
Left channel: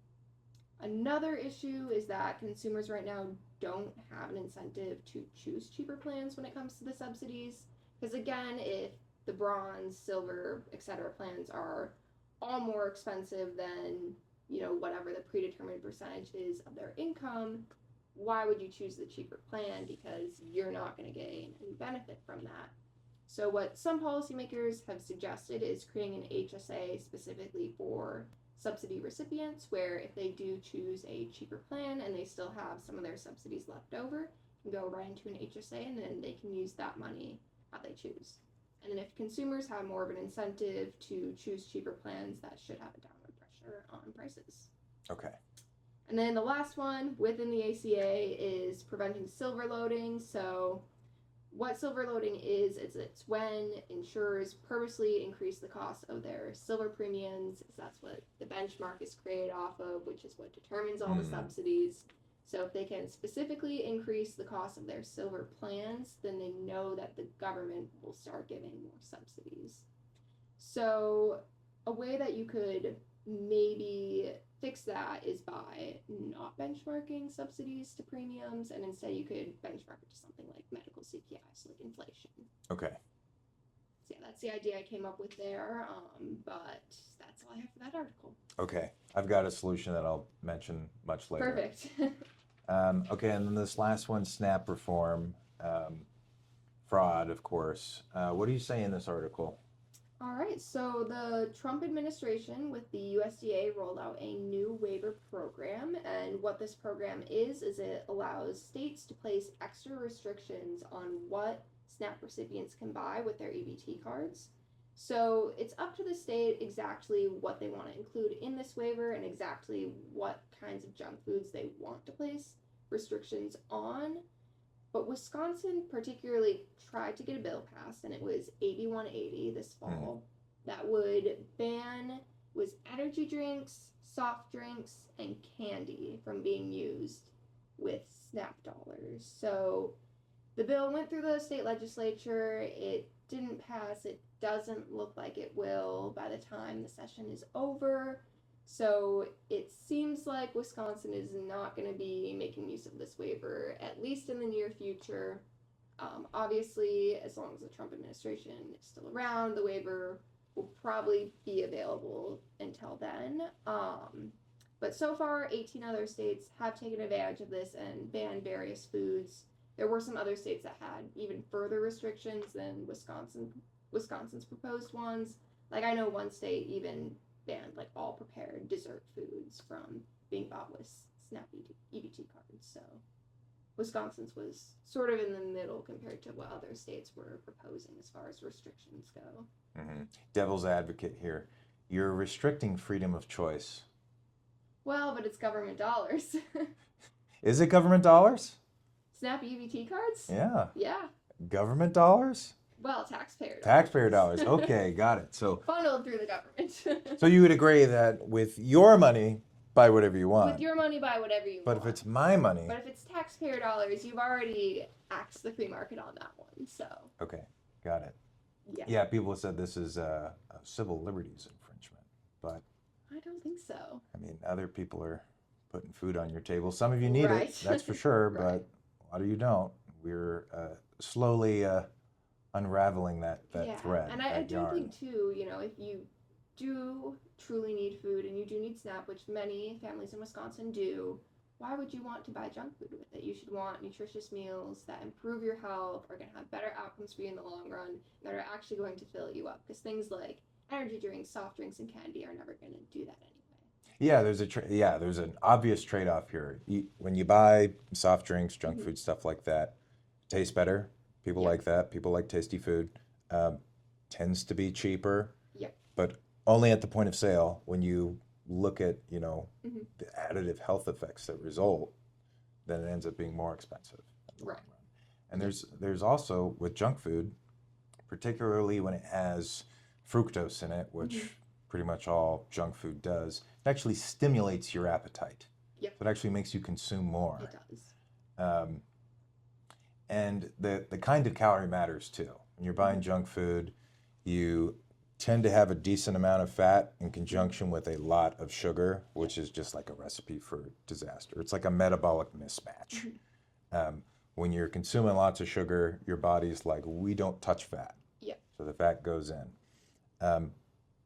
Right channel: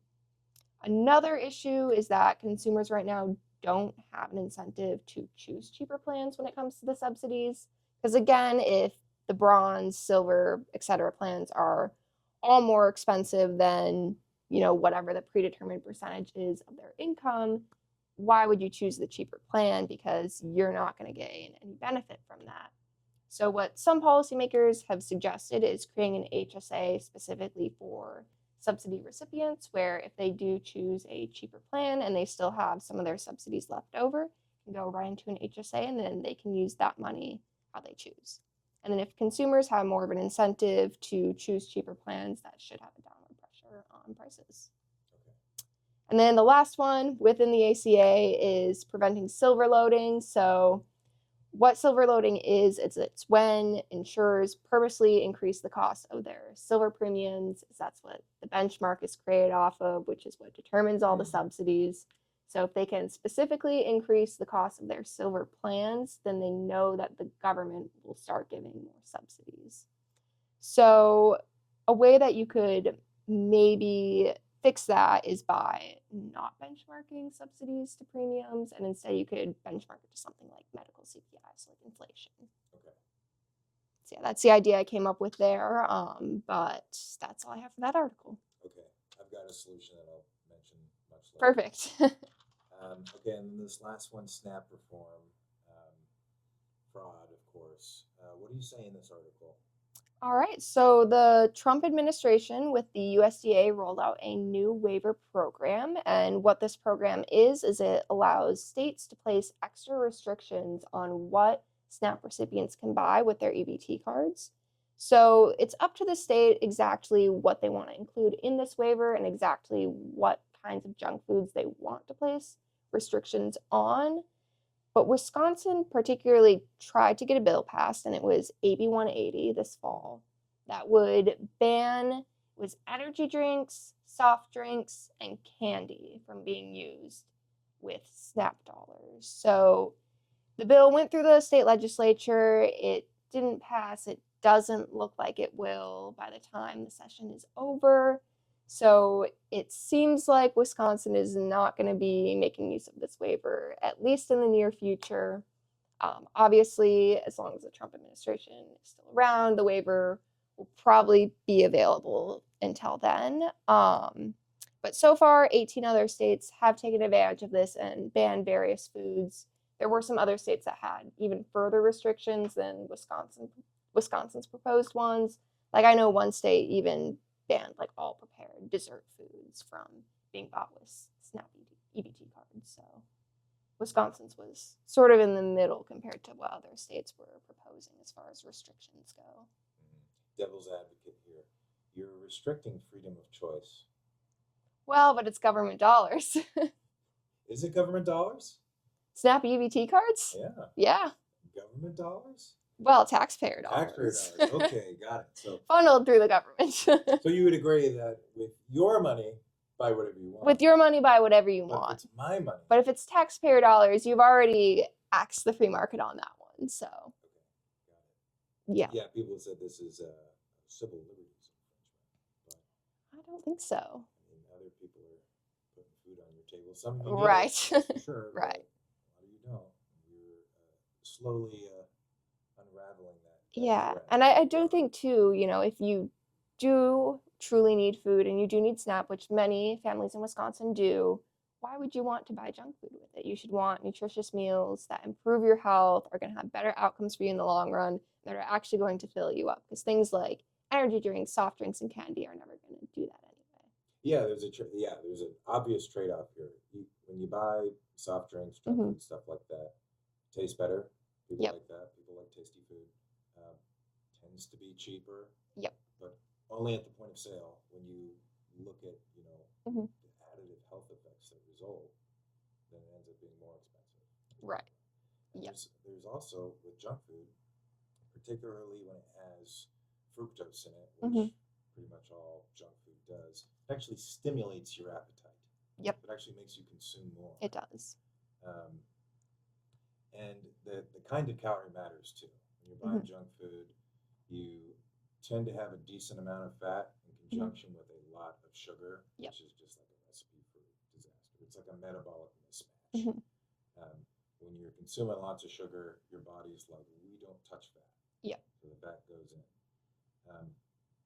Another issue is that consumers right now don't have an incentive to choose cheaper plans when it comes to the subsidies. Because again, if the bronze, silver, etc. plans are all more expensive than, you know, whatever the predetermined percentage is of their income, why would you choose the cheaper plan? Because you're not going to gain any benefit from that. So what some policymakers have suggested is creating an HSA specifically for subsidy recipients, where if they do choose a cheaper plan and they still have some of their subsidies left over, can go right into an HSA, and then they can use that money how they choose. And then if consumers have more of an incentive to choose cheaper plans, that should have a downward pressure on prices. Okay. And then the last one within the ACA is preventing silver loading. So what silver loading is, it's when insurers purposely increase the cost of their silver premiums. That's what the benchmark is created off of, which is what determines all the subsidies. So if they can specifically increase the cost of their silver plans, then they know that the government will start giving more subsidies. So a way that you could maybe fix that is by not benchmarking subsidies to premiums, and instead you could benchmark it to something like medical CPI, so like inflation. Okay. So yeah, that's the idea I came up with there, but that's all I have for that article. Okay. I've got a solution that I'll mention much later. Perfect. Okay, and then this last one, SNAP reform, fraud, of course. What do you say in this article? All right, so the Trump administration with the USDA rolled out a new waiver program, and what this program is it allows states to place extra restrictions on what SNAP recipients can buy with their EBT cards. So it's up to the state exactly what they want to include in this waiver and exactly what kinds of junk foods they want to place restrictions on. But Wisconsin particularly tried to get a bill passed, and it was AB 180 this fall, that would ban energy drinks, soft drinks, and candy from being used with SNAP dollars. So The bill went through the state legislature. It didn't pass. It doesn't look like it will by the time the session is over. So it seems like Wisconsin is not going to be making use of this waiver, at least in the near future. Obviously, as long as the Trump administration is still around, the waiver will probably be available until then. But so far, 18 other states have taken advantage of this and banned various foods. There were some other states that had even further restrictions than Wisconsin's proposed ones. Like I know one state even banned like all prepared dessert foods from being bought with SNAP EBT cards. So Wisconsin's was sort of in the middle compared to what other states were proposing as far as restrictions go. Mm-hmm. Devil's advocate here. You're restricting freedom of choice. Well, but it's government dollars. Is it government dollars? SNAP EBT cards? Yeah. Yeah. Government dollars? Well, taxpayer dollars. Taxpayer dollars. Okay, got it. So funneled through the government. so you would agree that with your money, buy whatever you want. With your money, buy whatever you want. But if it's my money. But if it's taxpayer dollars, you've already axed the free market on that one. So. Okay, got it. Yeah. Yeah, people have said this is a civil liberties infringement, but I don't think so. I mean, other people are putting food on your table. Some of you need Right. it, that's for sure, but Right. a lot of you don't. We're slowly unraveling that Yeah, thread. and I that do yarn. think too, if you do truly need food and you do need SNAP, which many families in Wisconsin do, why would you want to buy junk food with it? You should want nutritious meals that improve your health, are going to have better outcomes for you in the long run, that are actually going to fill you up. Because things like energy drinks, soft drinks, and candy are never going to do that anyway. Yeah, there's an obvious trade-off here. When you buy soft drinks, junk Mhm. food, stuff like that, tastes better. People Yep. like that. People like tasty food. Tends to be cheaper. Yep. But only at the point of sale. When you look at Mhm. the additive health effects that result, then it ends up being more expensive. in the long Right. run. And there's also with junk food, particularly when it has fructose in it, which Mhm. pretty much all junk food does, it actually stimulates your appetite. Yep. So it actually makes you consume more. It does. And the kind of calorie matters too. When you're buying Mhm. junk food, you tend to have a decent amount of fat in conjunction with a lot of sugar, which is just like a recipe for disaster. It's like a metabolic mismatch. Mhm. When you're consuming lots of sugar, your body's like, we don't touch fat. Yeah. So the fat goes in.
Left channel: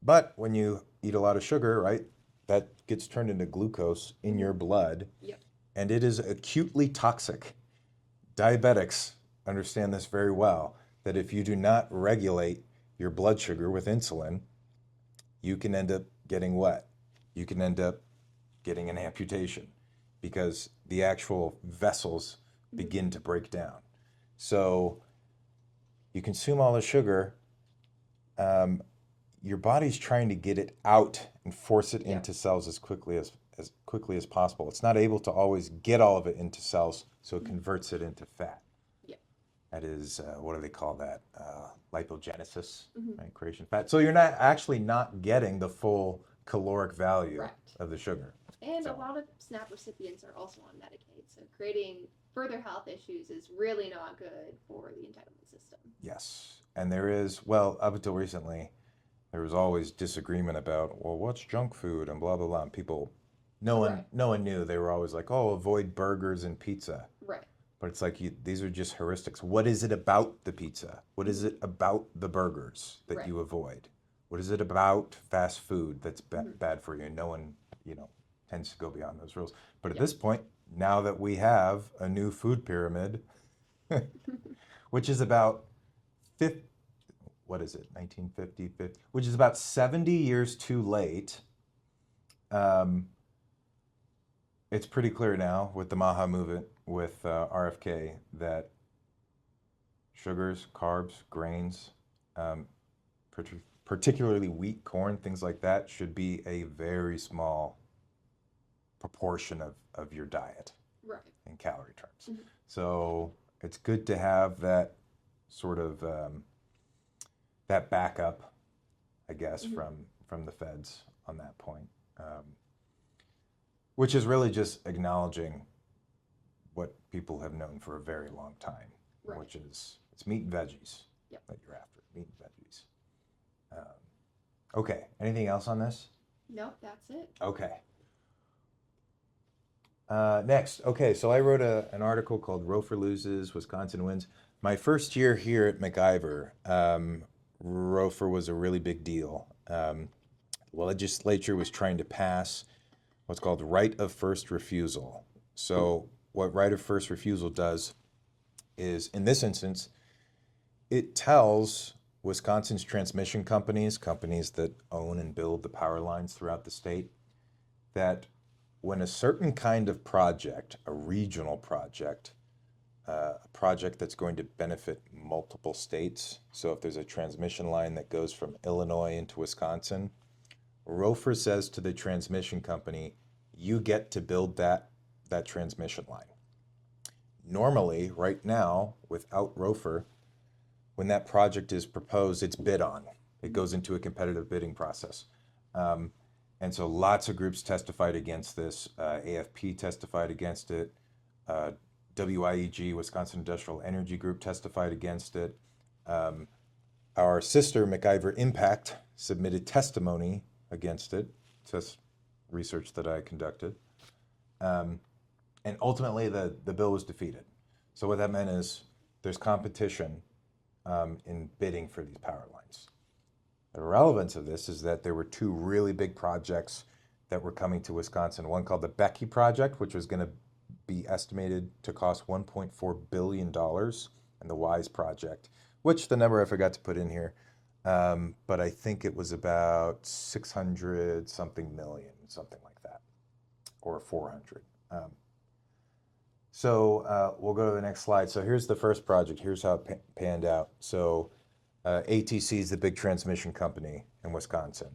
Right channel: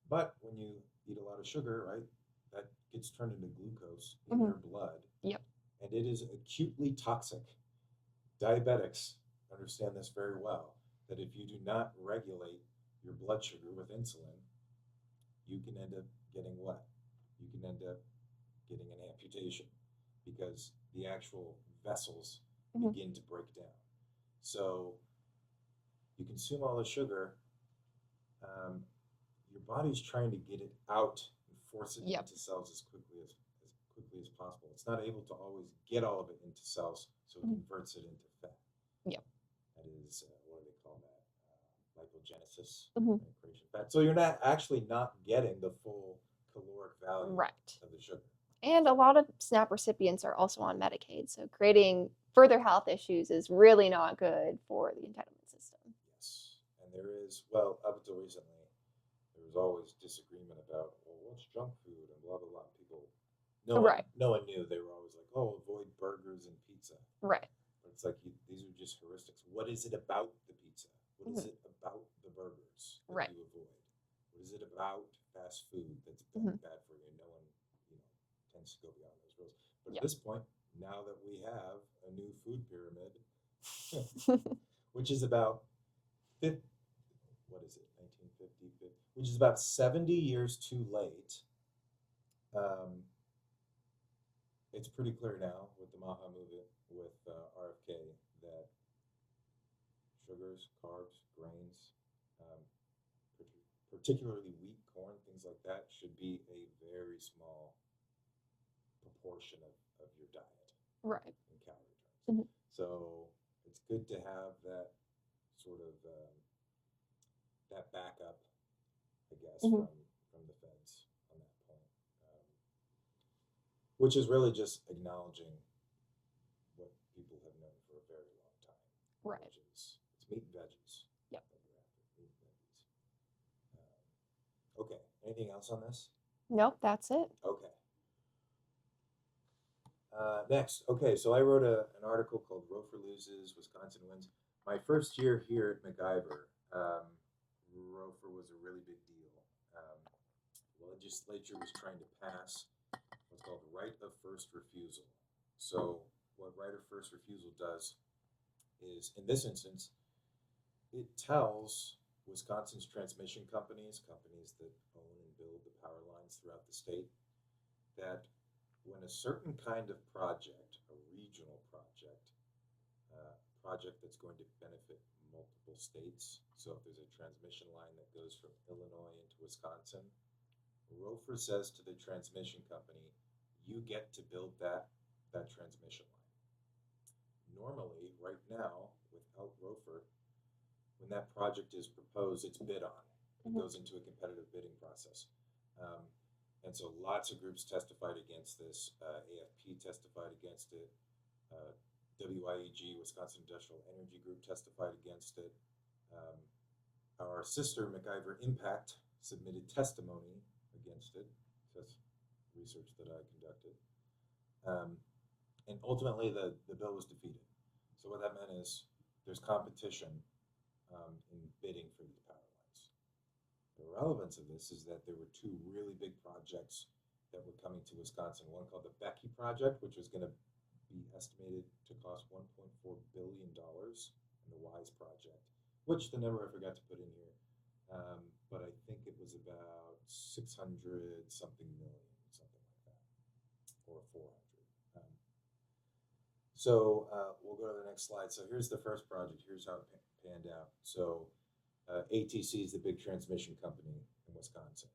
But when you eat a lot of sugar, right, that gets turned into glucose in your blood. Yep. And it is acutely toxic. Diabetics understand this very well, that if you do not regulate your blood sugar with insulin, you can end up getting what? You can end up getting an amputation because the actual vessels begin to break down. So you consume all the sugar, your body's trying to get it out and force it into cells as quickly as possible. It's not able to always get all of it into cells, so it converts it into fat. Yep. That is, what do they call that? Lipogenesis, Mhm. right? Creation of fat. So you're not getting the full caloric value Right. of the sugar. And a lot of SNAP recipients are also on Medicaid, so creating further health issues is really not good for the entitlement system. Yes. And there is, well, up until recently, there was always disagreement about, well, what's junk food and blah, blah, blah. And no one knew. They were always like, oh, avoid burgers and pizza. Right. But it's like, these are just heuristics. What is it about the pizza? What is it about the burgers that you avoid? What is it about fast food that's bad for you? No one, tends to go beyond those rules. But at this point, now that we have a new food pyramid, which is about 1950, which is about 70 years too late. It's pretty clear now with the Maha movement, with RFK, that sugars, carbs, grains, particularly wheat, corn, things like that, should be a very small proportion of your diet in calorie terms. So it's good to have that sort of that backup, I guess, from the feds on that point, which is really just acknowledging what people have known for a very long time. Right. which is it's meat and veggies Yep. that you're after. Meat and veggies. Okay. Anything else on this? Nope, that's it. Okay. Next, okay, so I wrote an article called Rofer Loses, Wisconsin Wins. My first year here at MacIver, Rofer was a really big deal. Legislature was trying to pass what's called right of first refusal. So, what right of first refusal does is, in this instance, it tells Wisconsin's transmission companies, companies that own and build the power lines throughout the state, that when a certain kind of project, a regional project, a project that's going to benefit multiple states, so if there's a transmission line that goes from Illinois into Wisconsin, Rofer says to the transmission company, you get to build that transmission line. Normally, right now, without Rofer, when that project is proposed, it's bid on. It goes into a competitive bidding process. And so lots of groups testified against this. AFP testified against it. WIEG, Wisconsin Industrial Energy Group, testified against it. Our sister, MacIver Impact, submitted testimony against it. It's research that I conducted. And ultimately, the bill was defeated. So what that meant is there's competition in bidding for these power lines. The relevance of this is that there were two really big projects that were coming to Wisconsin. One called the Becky Project, which was going to be estimated to cost $1.4 billion, and the WISE Project, which the number I forgot to put in here, but I think it was about 600 something million, something like that, or 400. We'll go to the next slide. So here's the first project. Here's how it panned out. So ATC is the big transmission company in Wisconsin.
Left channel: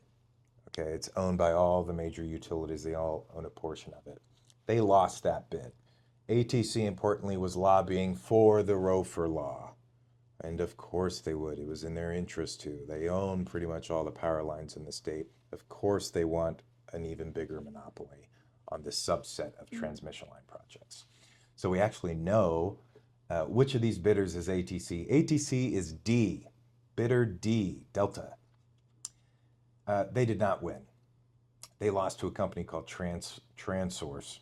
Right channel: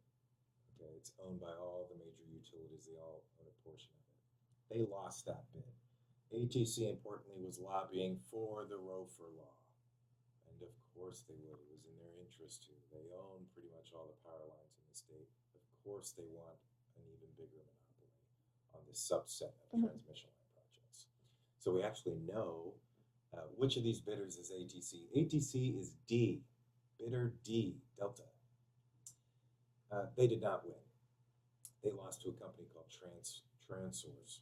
Okay, it's owned by all the major utilities. They all own a portion of it. They lost that bid. ATC, importantly, was lobbying for the Rofer law. And of course they would. It was in their interest to. They own pretty much all the power lines in the state. Of course they want an even bigger monopoly on this subset of transmission line projects. So we actually know which of these bidders is ATC. ATC is D, bidder D, Delta. They did not win. They lost to a company called Transource.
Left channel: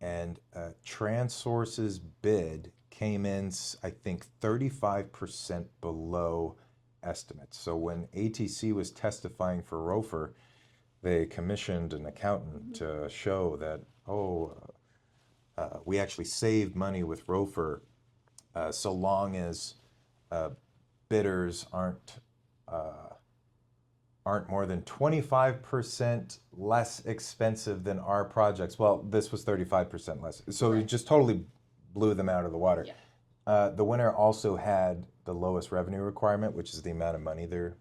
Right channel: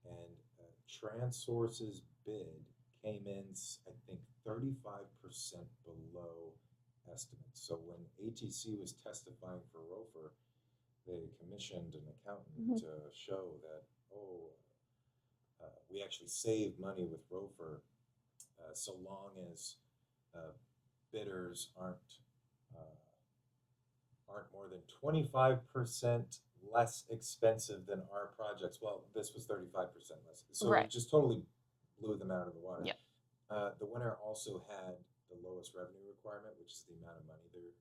And Transource's bid came in, I think, 35% below estimates. So when ATC was testifying for Rofer, they commissioned an accountant to show that, we actually saved money with Rofer so long as bidders aren't more than 25% less expensive than our projects. Well, this was 35% less. So Right. it just totally blew them out of the water. Yeah. The winner also had the lowest revenue requirement, which is the amount of money they're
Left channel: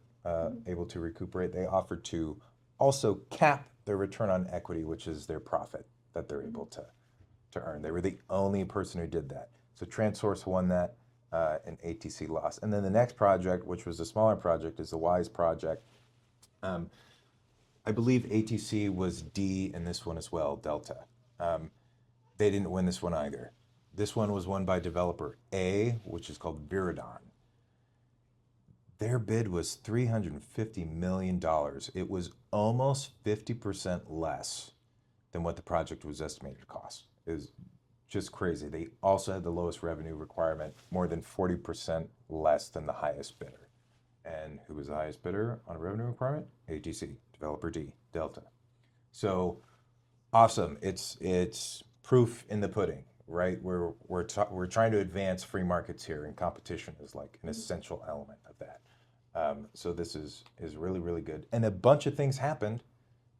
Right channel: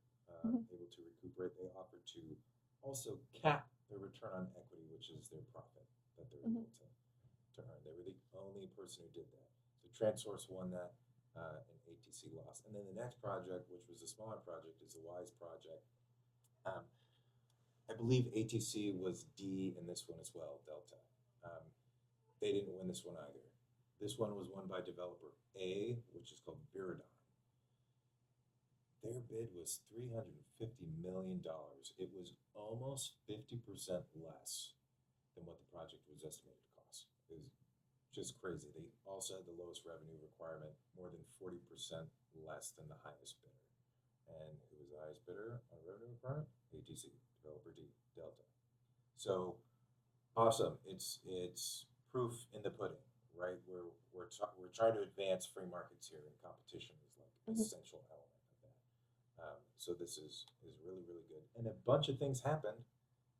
able to recuperate. They offered to also cap their return on equity, which is their profit that they're able to earn. They were the only person who did that. So Transource won that, and ATC lost. And then the next project, which was a smaller project, is the WISE project. I believe ATC was D in this one as well, Delta. They didn't win this one either. This one was won by developer A, which is called Viridon. Their bid was $350 million. It was almost 50% less than what the project was estimated to cost. It was just crazy. They also had the lowest revenue requirement, more than 40% less than the highest bidder. And who was the highest bidder on a revenue requirement? ATC, developer D, Delta. So awesome. It's proof in the pudding, right? We're trying to advance free markets here, and competition is like an essential element of that. So this is really, really good. And a bunch of things happened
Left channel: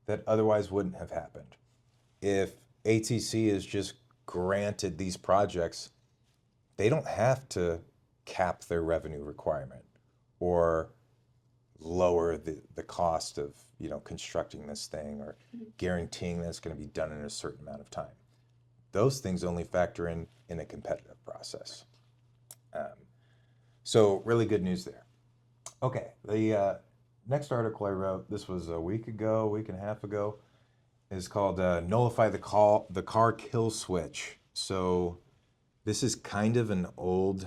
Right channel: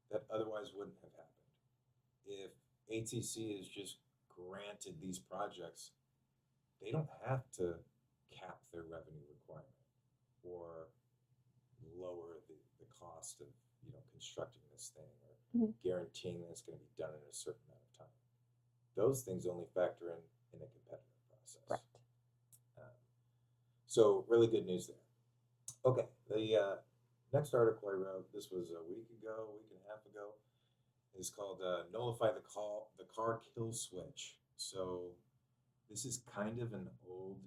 that otherwise wouldn't have happened. If ATC is just granted these projects, they don't have to cap their revenue requirement or lower the cost of constructing this thing or guaranteeing that it's going to be done in a certain amount of time. Those things only factor in a competitive process. Right. So really good news there. Okay, the next article I wrote, this was a week and a half ago, is called Nullify the Car Kill Switch. So this is kind of an old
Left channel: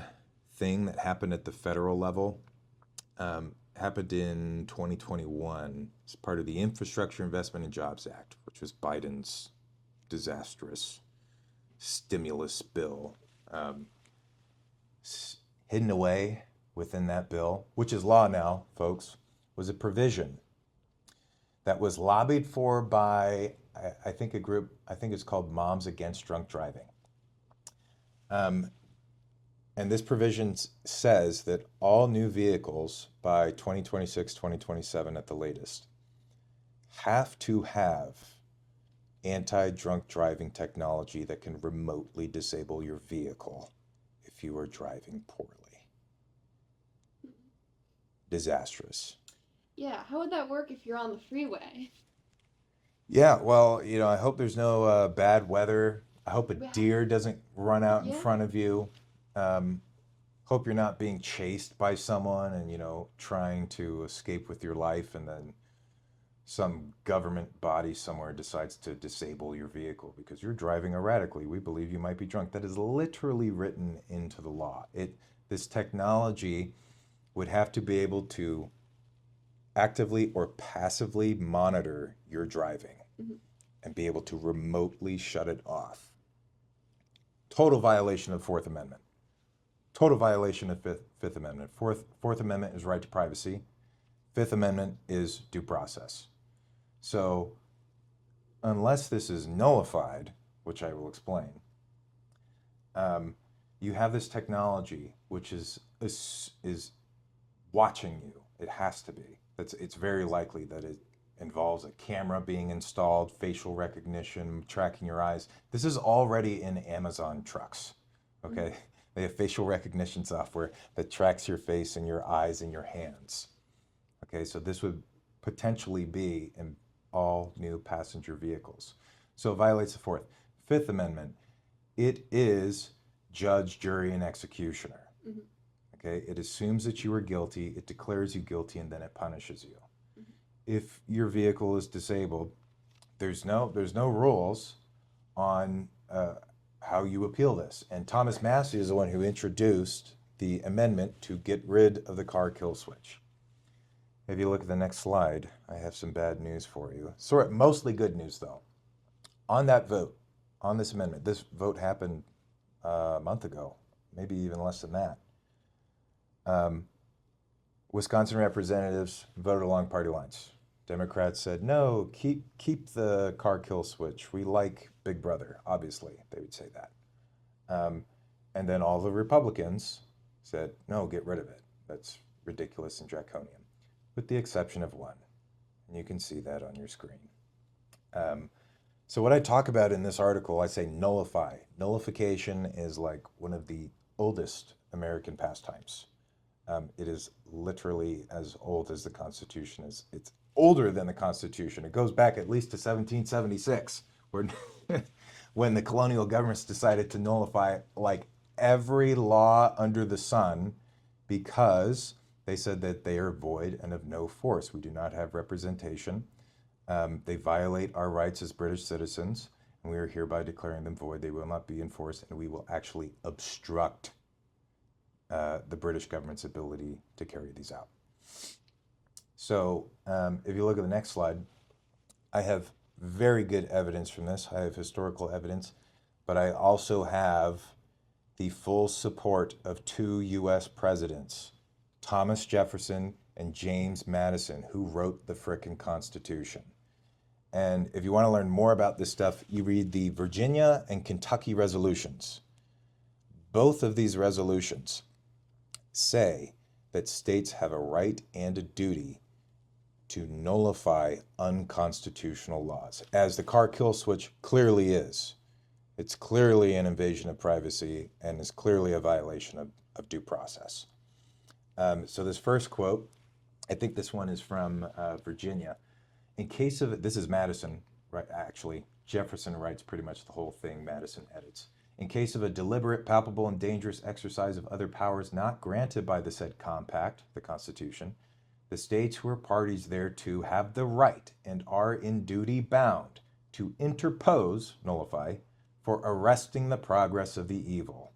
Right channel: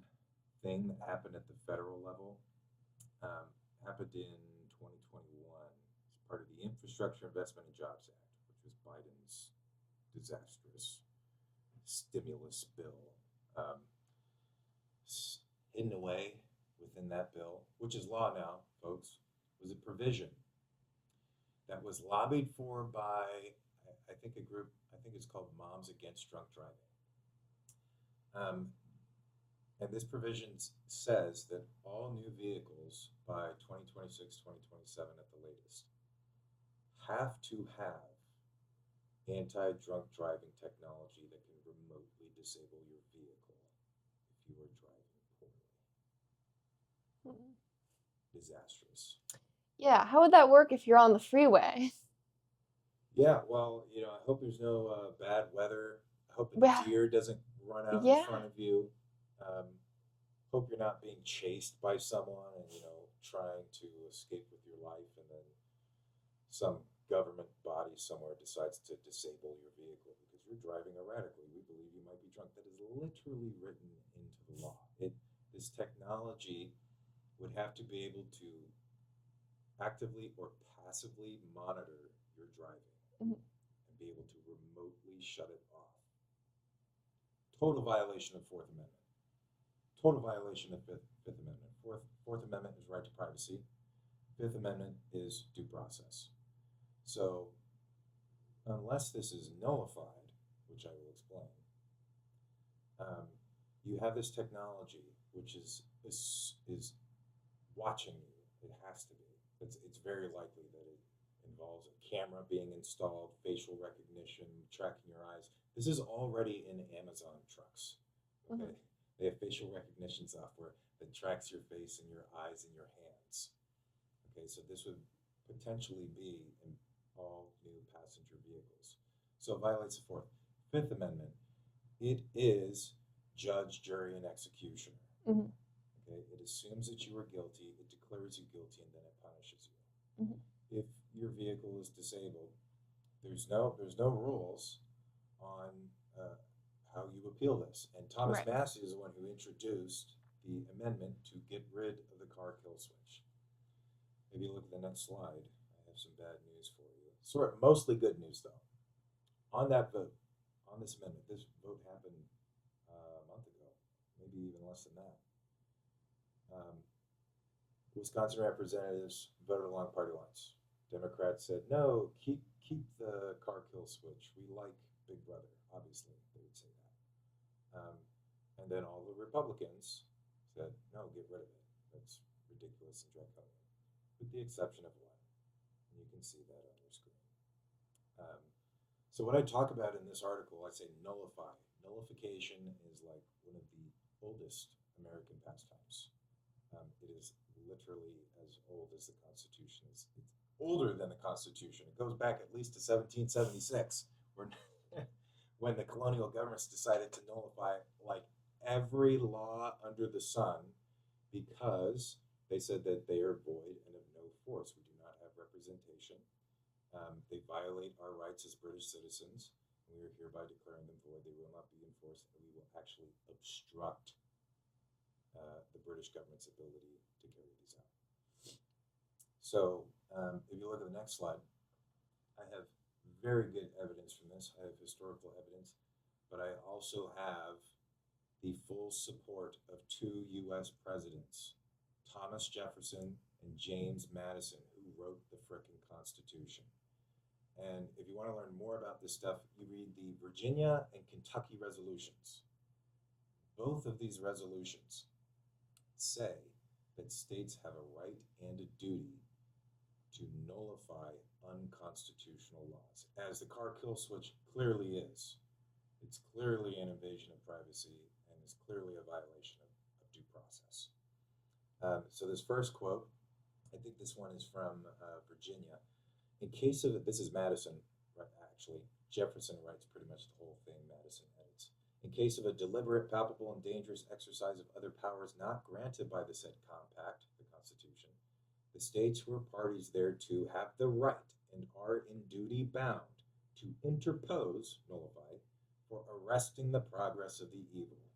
thing that happened at the federal level. Happened in 2021 as part of the Infrastructure Investment and Jobs Act, which was Biden's disastrous stimulus bill. Hidden away within that bill, which is law now, folks, was a provision that was lobbied for by, I think, a group, I think it's called Moms Against Drunk Driving. And this provision says that all new vehicles by 2026, 2027 at the latest have to have anti-drunk driving technology that can remotely disable your vehicle if you are driving poorly. Disastrous. Yeah, how would that work if you're on the freeway? Yeah, well, I hope there's no bad weather. I hope a Yeah. deer doesn't run out in Yeah. front of you. Hope you're not being chased by someone and, trying to escape with your life, and then some government body somewhere decides to disable your vehicle because you're driving erratically. We believe you might be drunk. That is literally written into the law. This technology would have to be able to actively or passively monitor your driving and be able to remotely shut it off. Total violation of the Fourth Amendment. Total violation of Fifth Amendment. Fourth Amendment is right to privacy. Fifth Amendment is due process. So unless this is nullified, which I will explain, you have this technology which is watching you. It has to be. It's very likely that it involves a camera being installed, facial recognition, tracking your eyes. This is already in Amazon trucks, okay? They have facial recognition software that tracks your face and your eyes and your hands. Okay, so this would potentially be in all new passenger vehicles. So it violates the Fourth. Fifth Amendment, it is judge, jury, and executioner. Okay, it assumes that you are guilty, it declares you guilty, and then it punishes you. If your vehicle is disabled, there's no rules on how you appeal this. And Thomas Massey is the one who introduced the amendment to get rid of the car kill switch. If you look at the next slide, I have some bad news for you. Mostly good news, though. On that vote, on this amendment, this vote happened a month ago, maybe even less than that. Wisconsin representatives voted along party lines. Democrats said, no, keep the car kill switch. We like Big Brother, obviously, they would say that. And then all the Republicans said, no, get rid of it. That's ridiculous and draconian, with the exception of one. And you can see that on your screen. So what I talk about in this article, I say nullify. Nullification is like one of the oldest American pastimes. It is literally as old as the Constitution is. It's older than the Constitution. It goes back at least to 1776, when the colonial governments decided to nullify like every law under the sun because they said that they are void and of no force. We do not have representation. They violate our rights as British citizens, and we are hereby declaring them void. They will not be enforced, and we will actually obstruct the British government's ability to carry these out. So if you look at the next slide, I have very good evidence from this. I have historical evidence, but I also have the full support of two U.S. presidents, Thomas Jefferson and James Madison, who wrote the frickin' Constitution. And if you want to learn more about this stuff, you read the Virginia and Kentucky resolutions. Both of these resolutions say that states have a right and a duty to nullify unconstitutional laws, as the car kill switch clearly is. It's clearly an invasion of privacy and is clearly a violation of due process. So this first quote, I think this one is from Virginia. In case of, this is Madison, right? Actually, Jefferson writes pretty much the whole thing, Madison edits. In case of a deliberate, palpable, and dangerous exercise of other powers not granted by the said compact, the Constitution, the states who are parties thereto have the right and are in duty bound to interpose, nullify, for arresting the progress of the evil.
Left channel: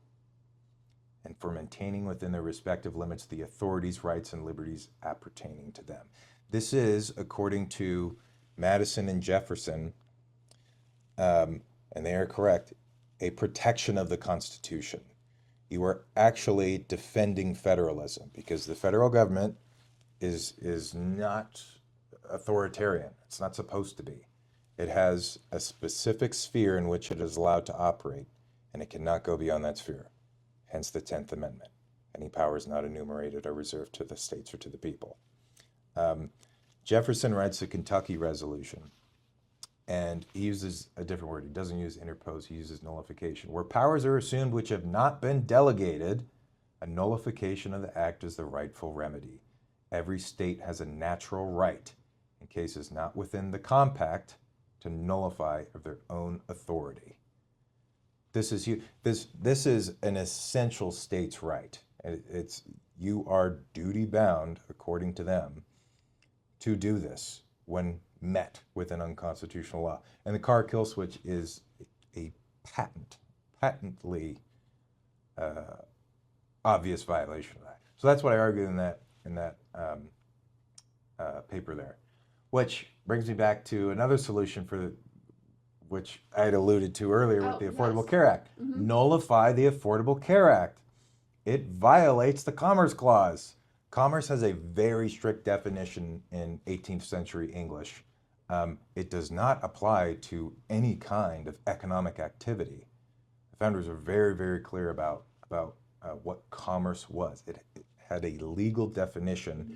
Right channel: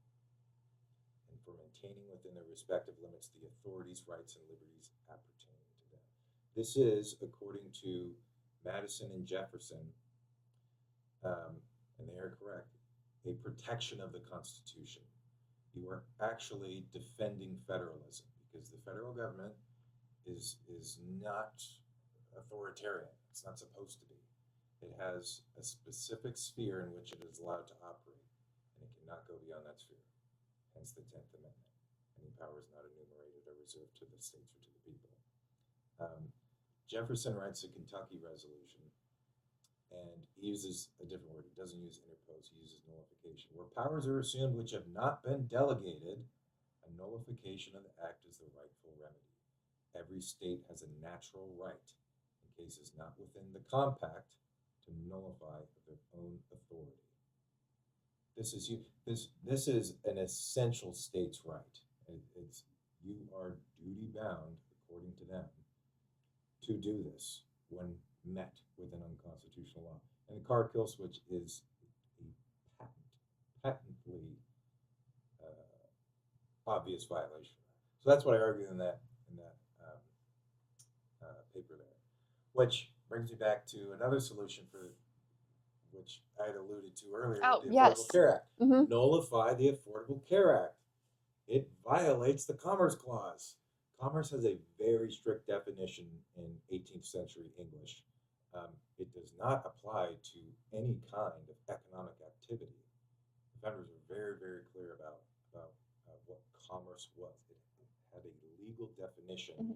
and for maintaining within their respective limits the authorities, rights, and liberties appertaining to them. This is, according to Madison and Jefferson, and they are correct, a protection of the Constitution. You are actually defending federalism because the federal government is not authoritarian. It's not supposed to be. It has a specific sphere in which it is allowed to operate, and it cannot go beyond that sphere. Hence the 10th Amendment. Any powers not enumerated are reserved to the states or to the people. Jefferson writes the Kentucky Resolution, and he uses a different word. He doesn't use interpose, he uses nullification. Where powers are assumed which have not been delegated, a nullification of the act is the rightful remedy. Every state has a natural right, in cases not within the compact, to nullify of their own authority. This is an essential state's right. You are duty bound, according to them, to do this when met with an unconstitutional law. And the car kill switch is a patently obvious violation of that. So that's what I argued in that paper there, which brings me back to another solution which I had alluded to earlier with the Affordable Care Act. Mm-hmm. Nullify the Affordable Care Act. It violates the Commerce Clause. Commerce has a very strict definition in 18th century English. It does not apply to any kind of economic activity. The founders are very, very clear about what commerce was. It had a legal definition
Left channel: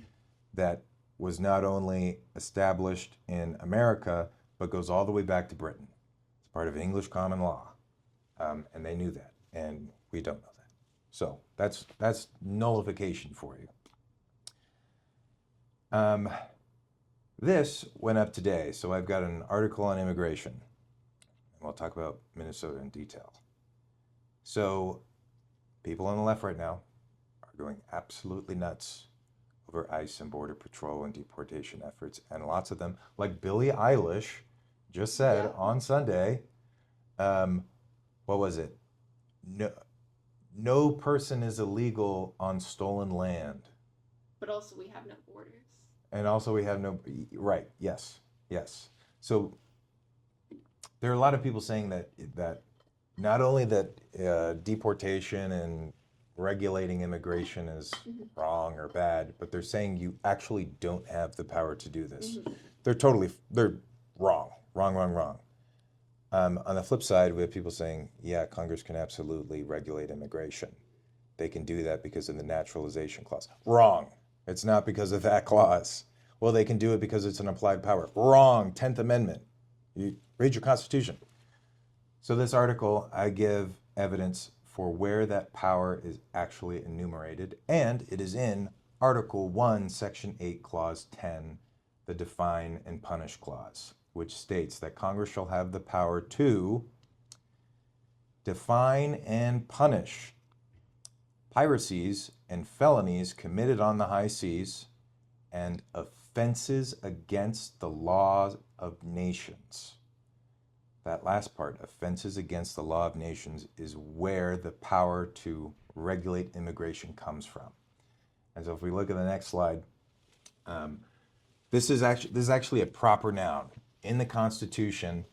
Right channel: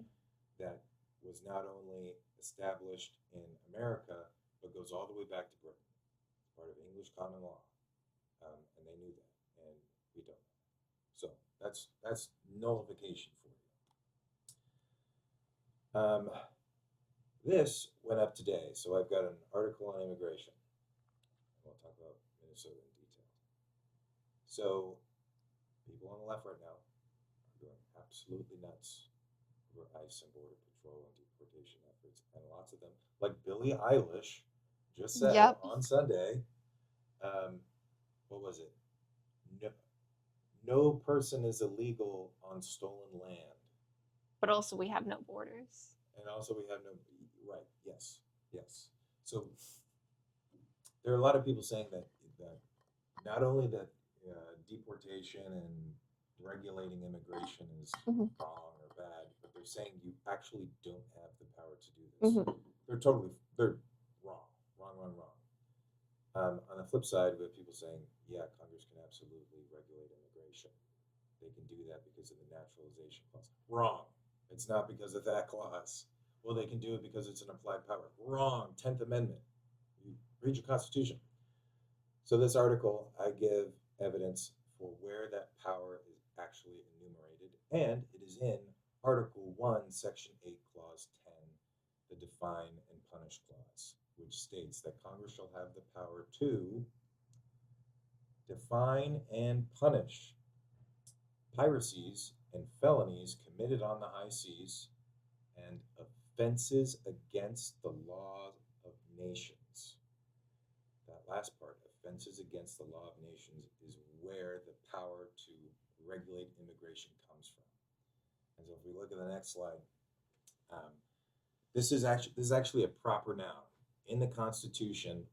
that was not only established in America, but goes all the way back to Britain. It's part of English common law, and they knew that, and we don't know that. So that's nullification for you. This went up today, so I've got an article on immigration, and we'll talk about Minnesota in detail. So people on the left right now are going absolutely nuts over ICE and Border Patrol and deportation efforts, and lots of them, like Billie Eilish just said on Sunday, what was it? No person is illegal on stolen land. But also we have no borders. And also we have no, right, yes. So there are a lot of people saying that not only that deportation and regulating immigration is wrong or bad, but they're saying you actually don't have the power to do this. They're wrong. On the flip side, we have people saying, yeah, Congress can absolutely regulate immigration. They can do that because of the naturalization clause. Wrong. It's not because of that clause. Well, they can do it because it's an applied power. Wrong. 10th Amendment. You read your Constitution. So this article, I give evidence for where that power is actually enumerated, and it is in Article 1, Section 8, Clause 10, the Define and Punish Clause, which states that Congress shall have the power to define and punish piracies and felonies committed on the high seas and offenses against the laws of nations. That last part, offenses against the law of nations, is where the power to regulate immigration comes from. And so if we look at the next slide, this is actually a proper noun. In the Constitution,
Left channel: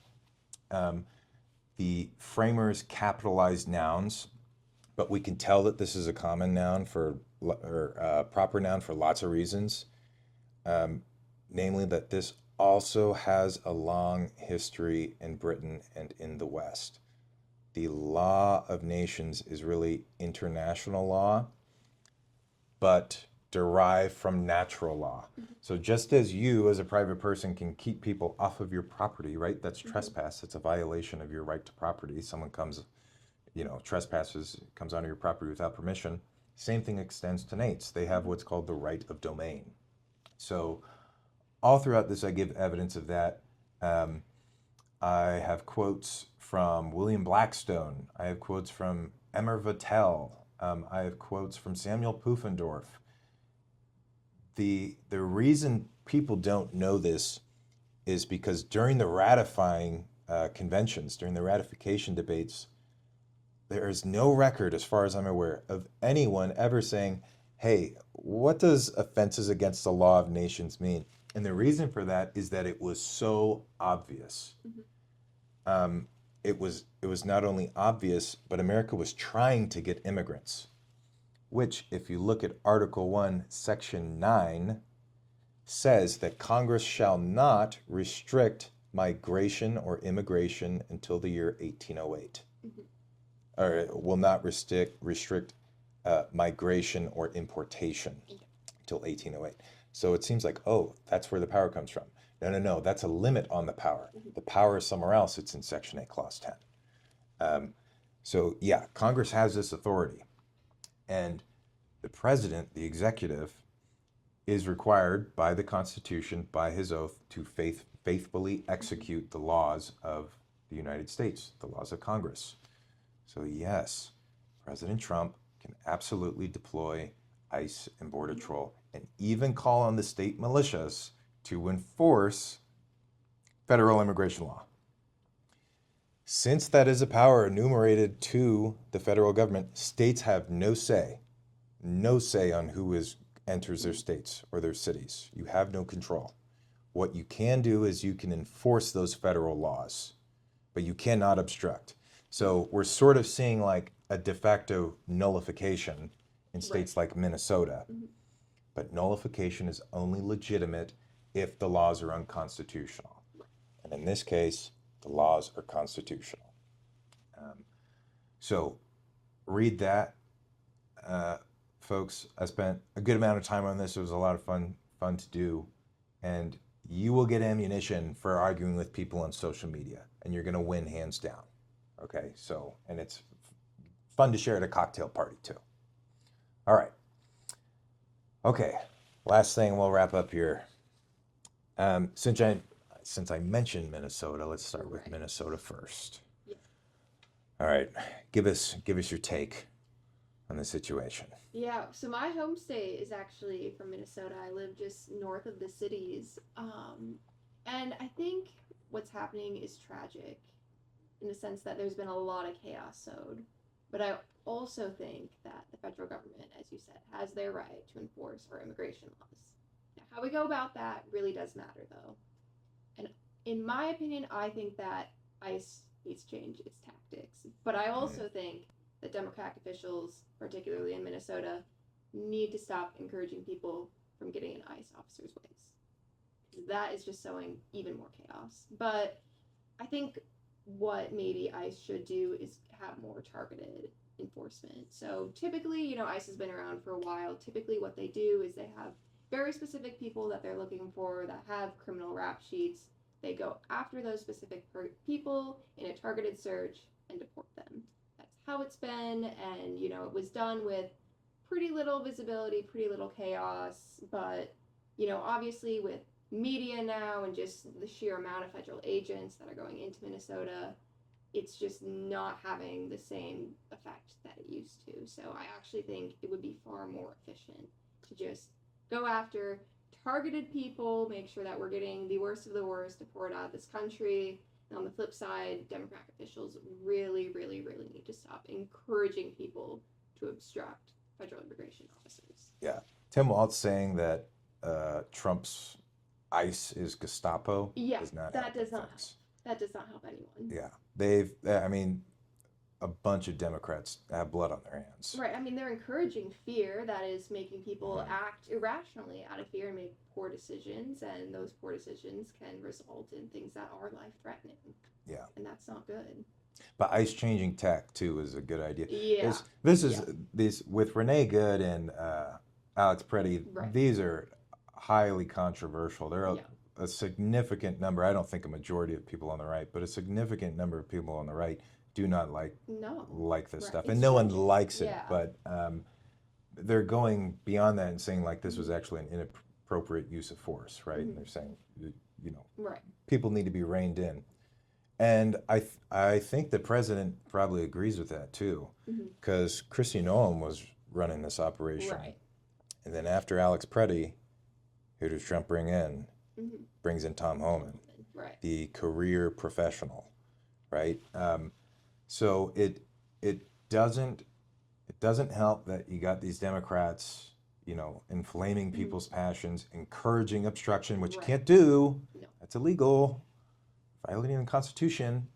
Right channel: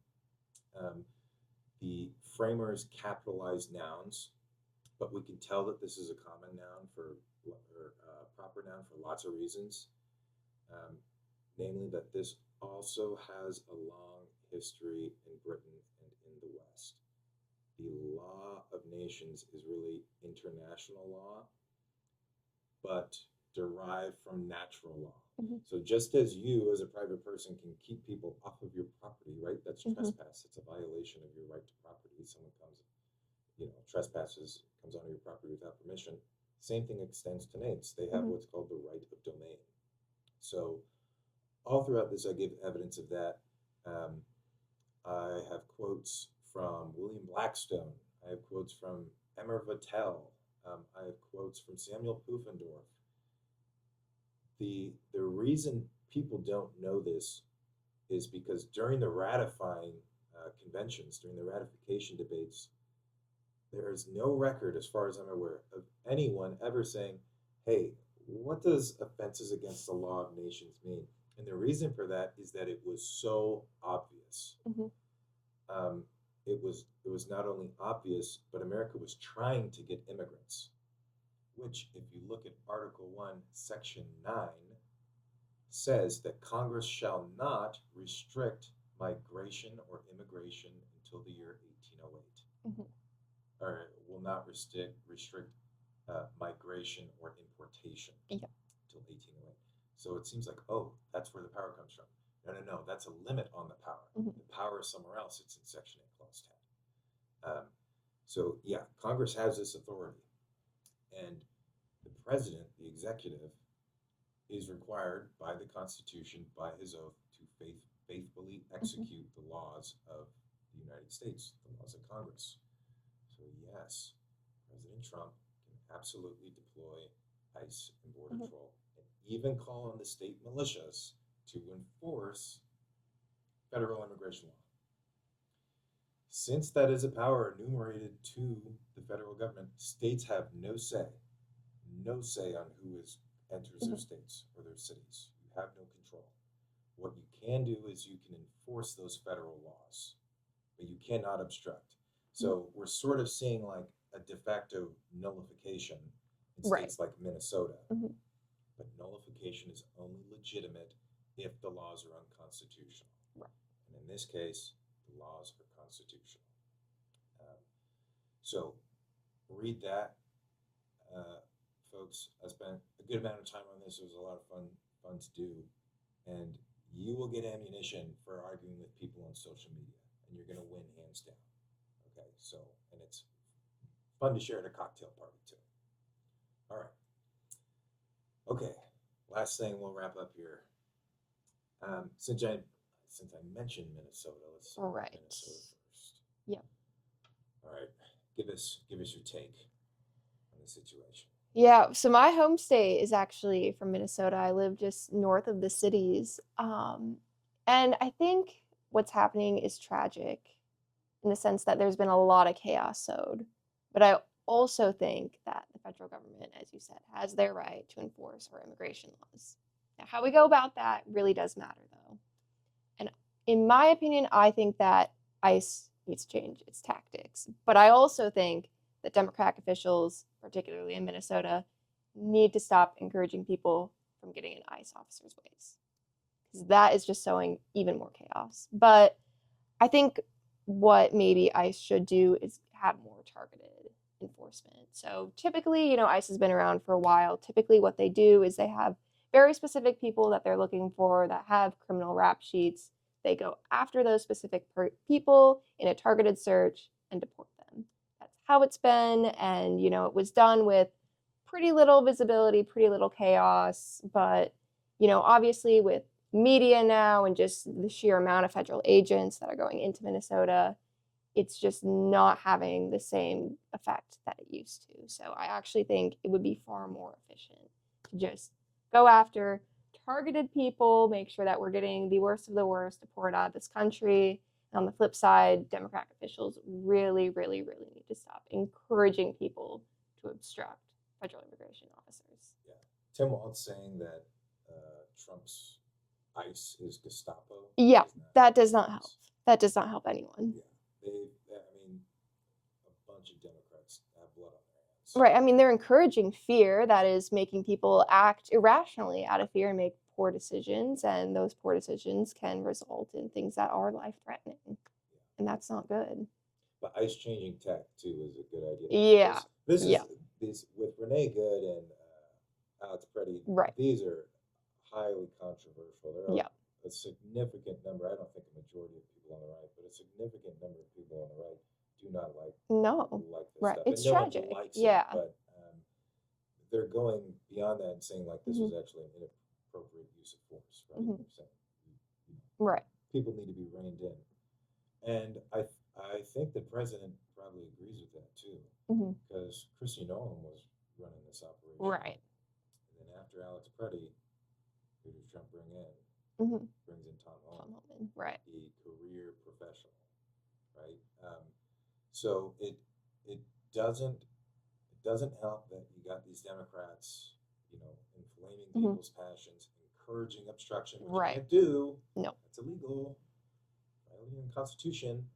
the framers capitalized nouns, but we can tell that this is a common noun or proper noun for lots of reasons. Namely that this also has a long history in Britain and in the West. The law of nations is really international law, but derived from natural law. So just as you as a private person can keep people off of your property, right? That's trespass. It's a violation of your right to property. Someone comes, trespasses, comes onto your property without permission. Same thing extends to nates. They have what's called the right of domain. So all throughout this, I give evidence of that. I have quotes from William Blackstone. I have quotes from Emmer Vattel. I have quotes from Samuel Pufendorf. The reason people don't know this is because during the ratifying conventions, during the ratification debates, there is no record, as far as I'm aware, of anyone ever saying, hey, what does offenses against the law of nations mean? And the reason for that is that it was so obvious. Mhm. It was not only obvious, but America was trying to get immigrants, which, if you look at Article 1, Section 9, says that Congress shall not restrict migration or immigration until the year 1808, Mhm. or it will not restrict migration or importation Yeah. until 1808. So it seems like, oh, that's where the power comes from. No, no, no, that's a limit on the power. Mhm. The power is somewhere else. It's in Section 8, Clause 10. So yeah, Congress has this authority, and the president, the executive, is required by the Constitution, by his oath, to faithfully execute the laws of the United States, the laws of Congress. So yes, President Trump can absolutely deploy ICE and Border Patrol, and even call on the state militias to enforce federal immigration law. Since that is a power enumerated to the federal government, states have no say on who enters their states or their cities. You have no control. What you can do is you can enforce those federal laws, but you cannot obstruct. So we're sort of seeing like a de facto nullification in states like Minnesota. Mhm. But nullification is only legitimate if the laws are unconstitutional. And in this case, the laws are constitutional. So read that. Folks, I spent a good amount of time on this. It was a lot of fun to do. And you will get ammunition for arguing with people on social media, and you're going to win hands down. Okay, so, and it's fun to share at a cocktail party too. All right. Okay, last thing, we'll wrap up here. Since I mentioned Minnesota, let's start with Minnesota first. Yeah. All right, give us your take on the situation. Yeah, so my home state is actually from Minnesota. I live just north of the cities. And I think what's happening is tragic in the sense that there's been a lot of chaos sowed. But I also think that the federal government, as you said, has their right to enforce our immigration laws. Now, how we go about that really does matter, though. And in my opinion, I think that ICE needs to change its tactics. But I also think that Democratic officials, particularly in Minnesota, need to stop encouraging people from getting in ICE officers' ways. Because that is just sowing even more chaos. But I think what maybe ICE should do is have more targeted enforcement. So typically, ICE has been around for a while. Typically, what they do is they have very specific people that they're looking for that have criminal rap sheets. They go after those specific people in a targeted search and deport them. That's how it's been. And, it was done with pretty little visibility, pretty little chaos. But, obviously with media now and just the sheer amount of federal agents that are going into Minnesota, it's just not having the same effect that it used to. So I actually think it would be far more efficient to just go after targeted people, make sure that we're getting the worst of the worst deported out of this country. And on the flip side, Democratic officials really, really, really need to stop encouraging people to obstruct federal immigration officers. Yeah. Tim Waltz saying that Trump's ICE is Gestapo. Yeah, that does not help. That does not help anyone. Yeah. A bunch of Democrats have blood on their hands. Right. I mean, they're encouraging fear that is making people act irrationally out of fear and make poor decisions. And those poor decisions can result in things that are life-threatening. Yeah. And that's not good. But ICE changing tech, too, is a good idea. Yeah. These with Renee Good and Alex Preddy, these are highly controversial. There are a significant number, I don't think a majority of people on the right, but a significant number of people on the right do not like this stuff. And no one likes it, but they're going beyond that and saying like this was actually an inappropriate use of force, right? And they're saying, people need to be reined in. And I think the president probably agrees with that too, because Kristi Noem was running this operation. Right. And then after Alex Preddy, who does Trump bring in? Brings in Tom Homan, the career professional, right? So it doesn't help that you got these Democrats, inflaming people's passions, encouraging obstruction, which you Right. can't do. No. That's illegal, violating the Constitution.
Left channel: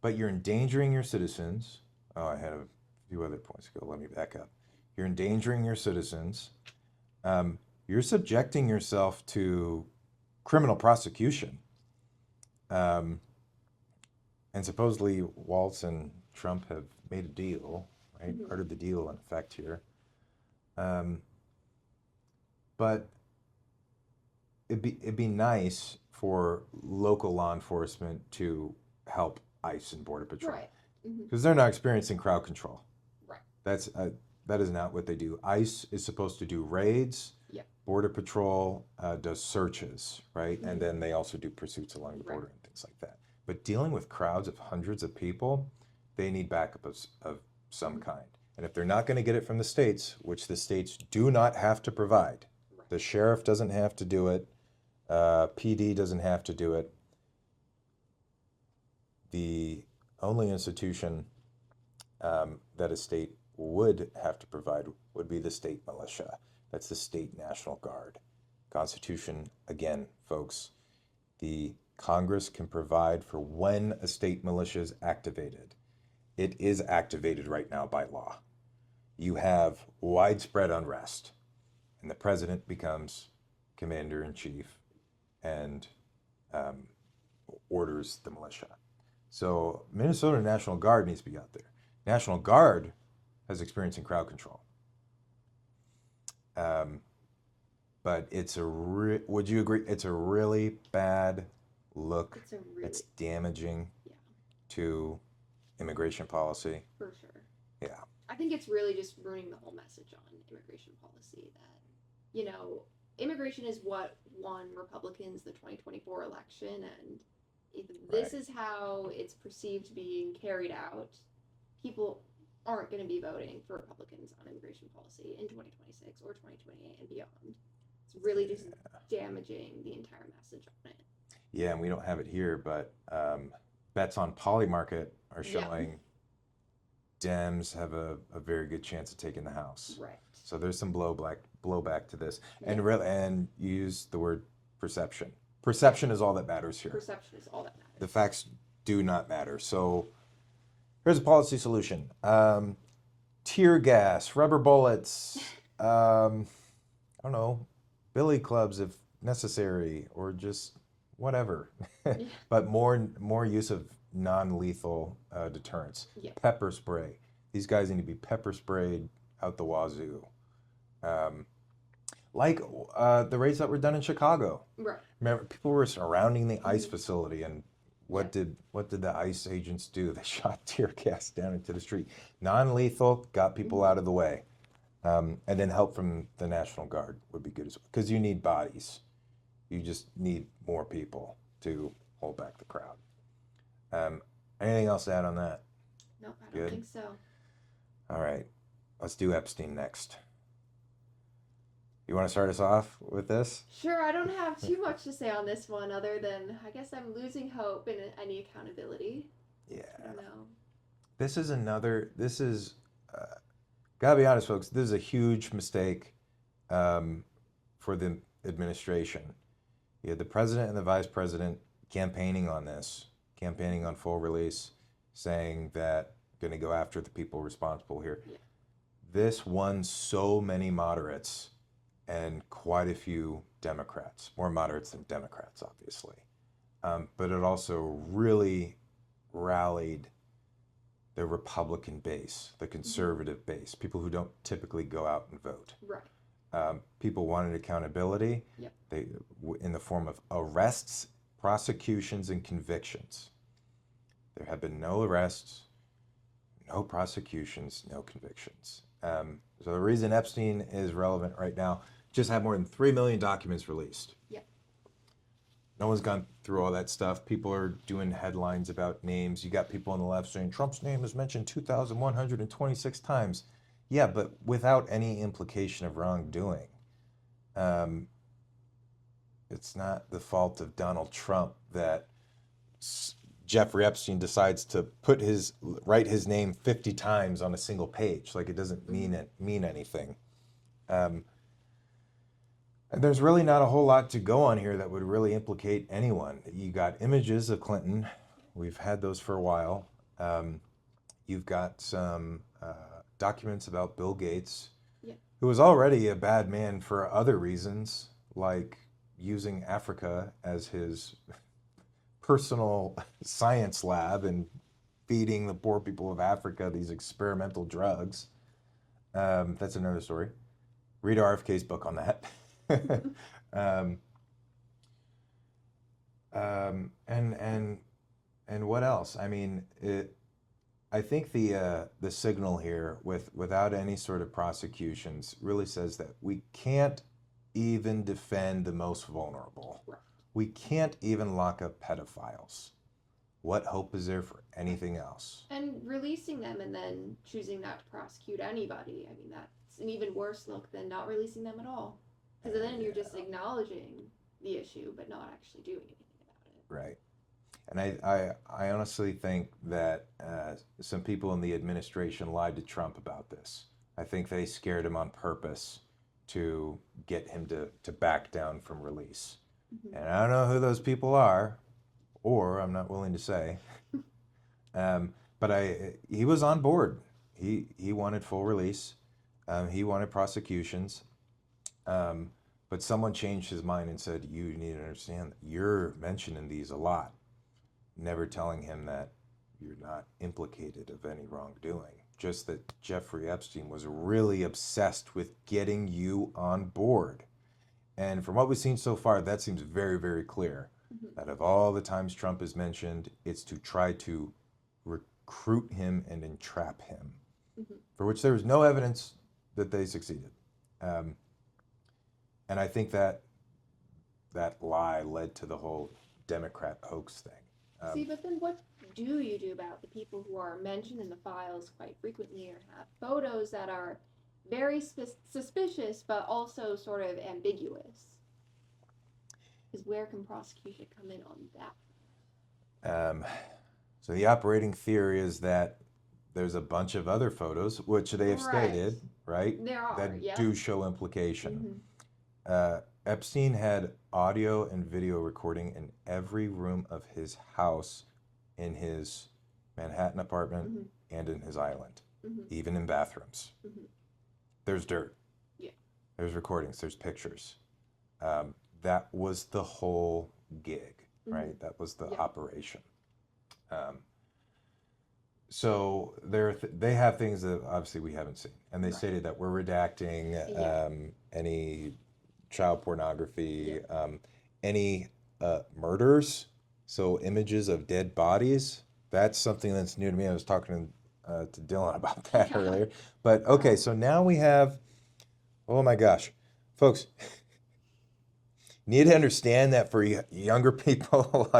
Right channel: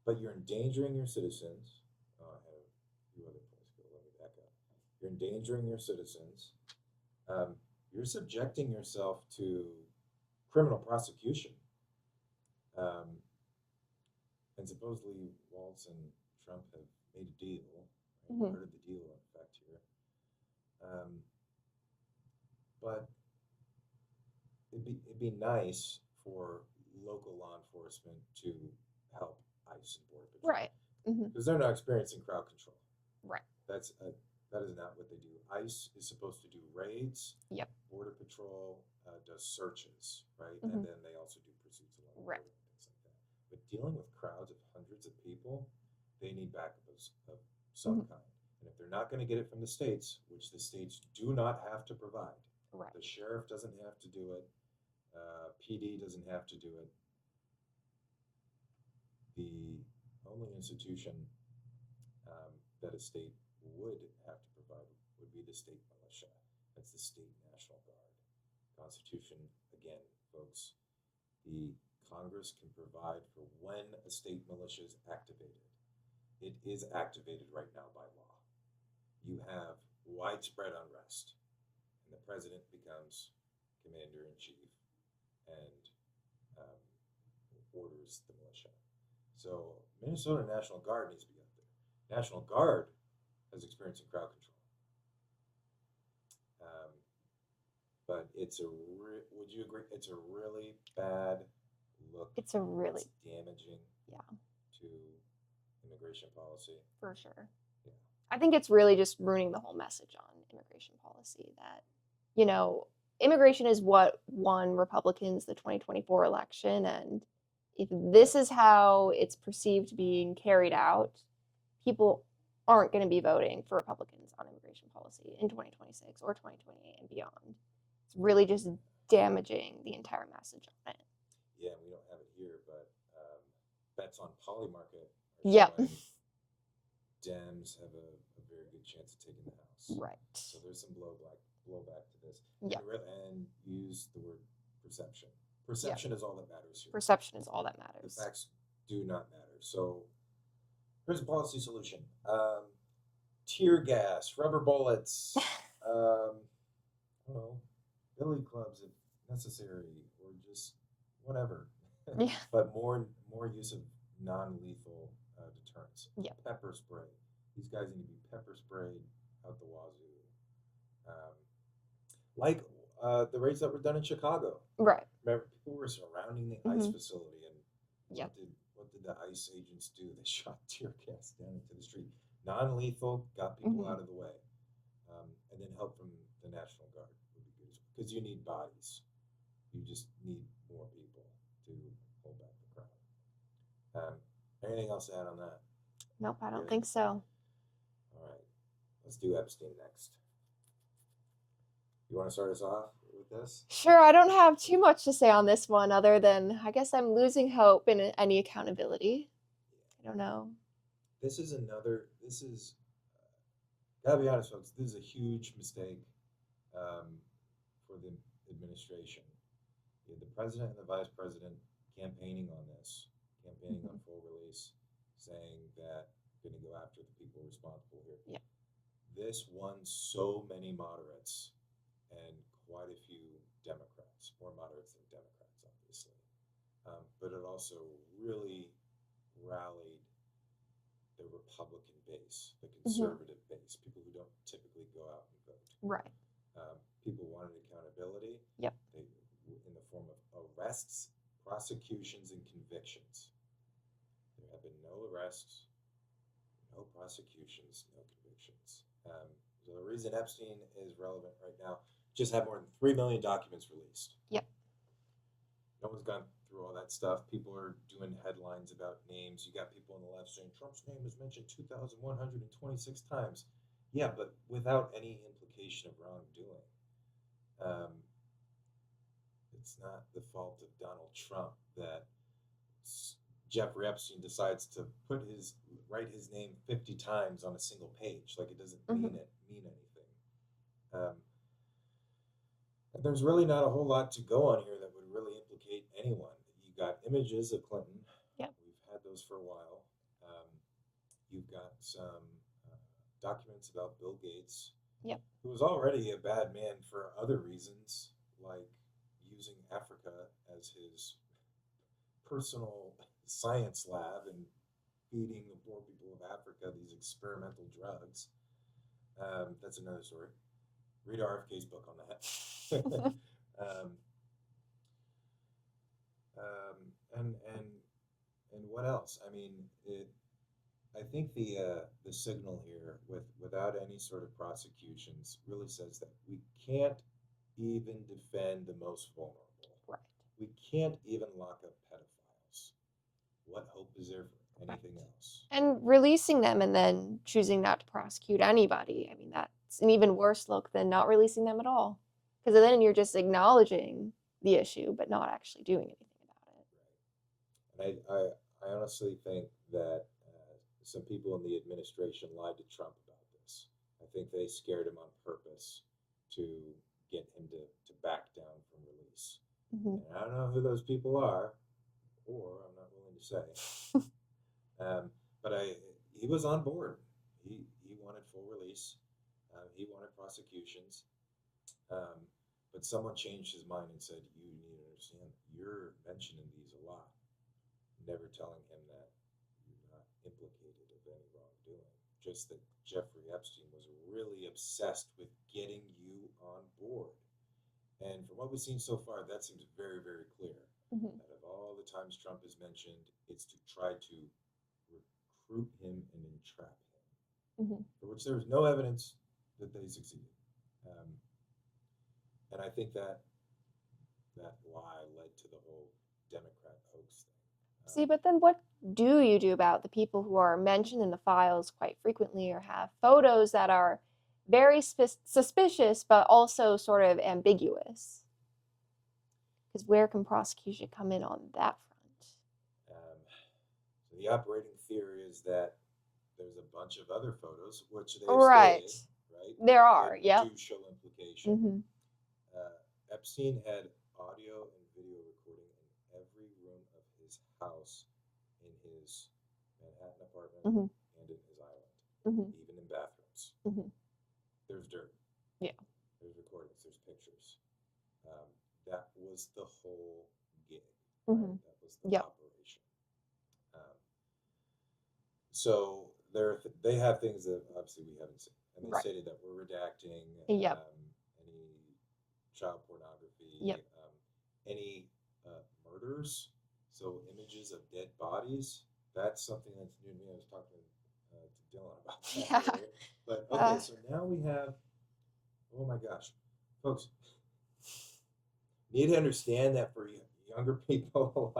But you're endangering your citizens. Oh, I had a few other points ago. Let me back up. You're endangering your citizens. You're subjecting yourself to criminal prosecution. And supposedly Waltz and Trump have made a deal, right? Mhm. Part of the deal in effect here. But it'd be nice for local law enforcement to help ICE and Border Patrol. Right. Mhm. Because they're not experiencing crowd control. Right. That is not what they do. ICE is supposed to do raids. Yep. Border Patrol does searches, right? Mhm. And then they also do pursuits along the border Right. and things like that. But dealing with crowds of hundreds of people, they need backup of some Mhm. kind. And if they're not going to get it from the states, which the states do not have to provide, Right. the sheriff doesn't have to do it, PD doesn't have to do it. The only institution that a state would have to provide would be the state militia. That's the state National Guard. Constitution, again, folks, the Congress can provide for when a state militia is activated. It is activated right now by law. You have widespread unrest, and the president becomes commander in chief and orders the militia. So Minnesota National Guard needs to be out there. National Guard has experience in crowd control. But would you agree? It's a really bad look. It's damaging to immigration policy. For sure. Yeah. I think it's really just ruining the whole message on immigration policy that, immigration is what won Republicans the 2024 election. And if this is how it's perceived being carried out, people aren't going to be voting for Republicans on immigration policy in 2026 or 2028 and beyond. It's really just damaging the entire message on it. Yeah, and we don't have it here, but bets on Polymarket are showing Dems have a very good chance of taking the House. Right. So there's some blowback to this, and use the word perception. Perception is all that matters here. Perception is all that matters. The facts do not matter. So here's a policy solution: tear gas, rubber bullets. I don't know, billy clubs if necessary, or just whatever. But more use of non-lethal deterrents. Pepper spray. These guys need to be pepper sprayed out the wazoo. Like the raids that were done in Chicago. Right. Remember, people were surrounding the ICE facility, and what did the ICE agents do? They shot tear gas down into the street. Non-lethal, got people out of the way. And then help from the National Guard would be good as well, because you need bodies. You just need more people to hold back the crowd. Anything else to add on that? Nope, I don't think so. All right, let's do Epstein next. You want to start us off with this? Sure, I don't have too much to say on this one other than I guess I'm losing hope in any accountability. Yeah. I don't know. Gotta be honest, folks, this is a huge mistake for the administration. You had the president and the vice president campaigning on this, campaigning on full release, saying that going to go after the people responsible here. Yeah. This won so many moderates and quite a few Democrats, more moderates than Democrats, obviously. But it also really rallied the Republican base, the conservative base, people who don't typically go out and vote. Right. People wanted accountability. Yep. In the form of arrests, prosecutions, and convictions. There have been no arrests, no prosecutions, no convictions. So the reason Epstein is relevant right now, just had more than 3 million documents released. Yep. No one's gone through all that stuff. People are doing headlines about names. You got people on the left saying Trump's name is mentioned 2,126 times. Yeah, but without any implication of wrongdoing. It's not the fault of Donald Trump that Jeffrey Epstein decides to write his name 50 times on a single page. Like, it doesn't mean anything. And there's really not a whole lot to go on here that would really implicate anyone. You got images of Clinton. Yep. We've had those for a while. You've got some documents about Bill Gates, Yep. who was already a bad man for other reasons, like using Africa as his personal science lab and feeding the poor people of Africa these experimental drugs. That's another story. Read RFK's book on that. And what else? I mean, I think the signal here, without any sort of prosecutions, really says that we can't even defend the most vulnerable. Right. We can't even lock up pedophiles. What hope is there for anything else? And releasing them and then choosing not to prosecute anybody. I mean, that's an even worse look than not releasing them at all. Because then you're just acknowledging the issue, but not actually doing anything about it. Right. And I honestly think that some people in the administration lied to Trump about this. I think they scared him on purpose to get him to back down from release. And I don't know who those people are, or I'm not willing to say. But he was on board. He wanted full release. He wanted prosecutions. But someone changed his mind and said, you need to understand that you're mentioning these a lot, never telling him that you're not implicated of any wrongdoing. Just that Jeffrey Epstein was really obsessed with getting you on board. And from what we've seen so far, that seems very, very clear. That of all the times Trump is mentioned, it's to try to recruit him and entrap him, for which there was no evidence that they succeeded. And I think that lie led to the whole Democrat hoax thing. See, but then what do you do about the people who are mentioned in the files quite frequently or have photos that are very suspicious, but also sort of ambiguous? Because where can prosecution come in on that front? So the operating theory is that there's a bunch of other photos, which they have stated, right? There are, that do show implication. Epstein had audio and video recording in every room of his house, in his Manhattan apartment, and in his island, even in bathrooms. There's dirt. Yeah. There's recordings. There's pictures. That was the whole gig, right? That was the operation. So they have things that obviously we haven't seen, and they stated that we're redacting any child pornography, any murders, so images of dead bodies. That's something that's new to me. I was talking to Dylan about that earlier. But okay, so now we have, oh my gosh, folks, need to understand that for younger people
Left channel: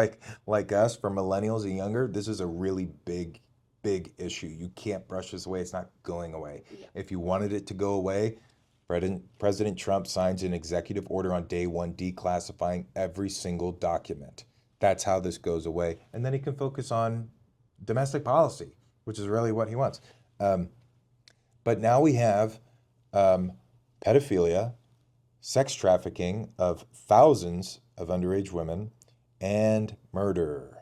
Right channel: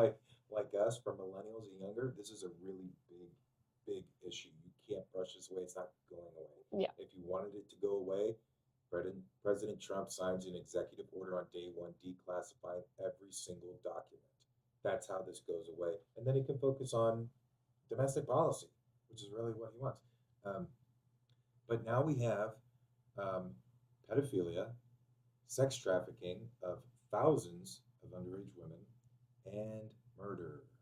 like us, for millennials and younger, this is a really big issue. You can't brush this away. It's not going away. If you wanted it to go away, President Trump signs an executive order on day one declassifying every single document. That's how this goes away. And then he can focus on domestic policy, which is really what he wants. But now we have pedophilia, sex trafficking of thousands of underage women, and murder.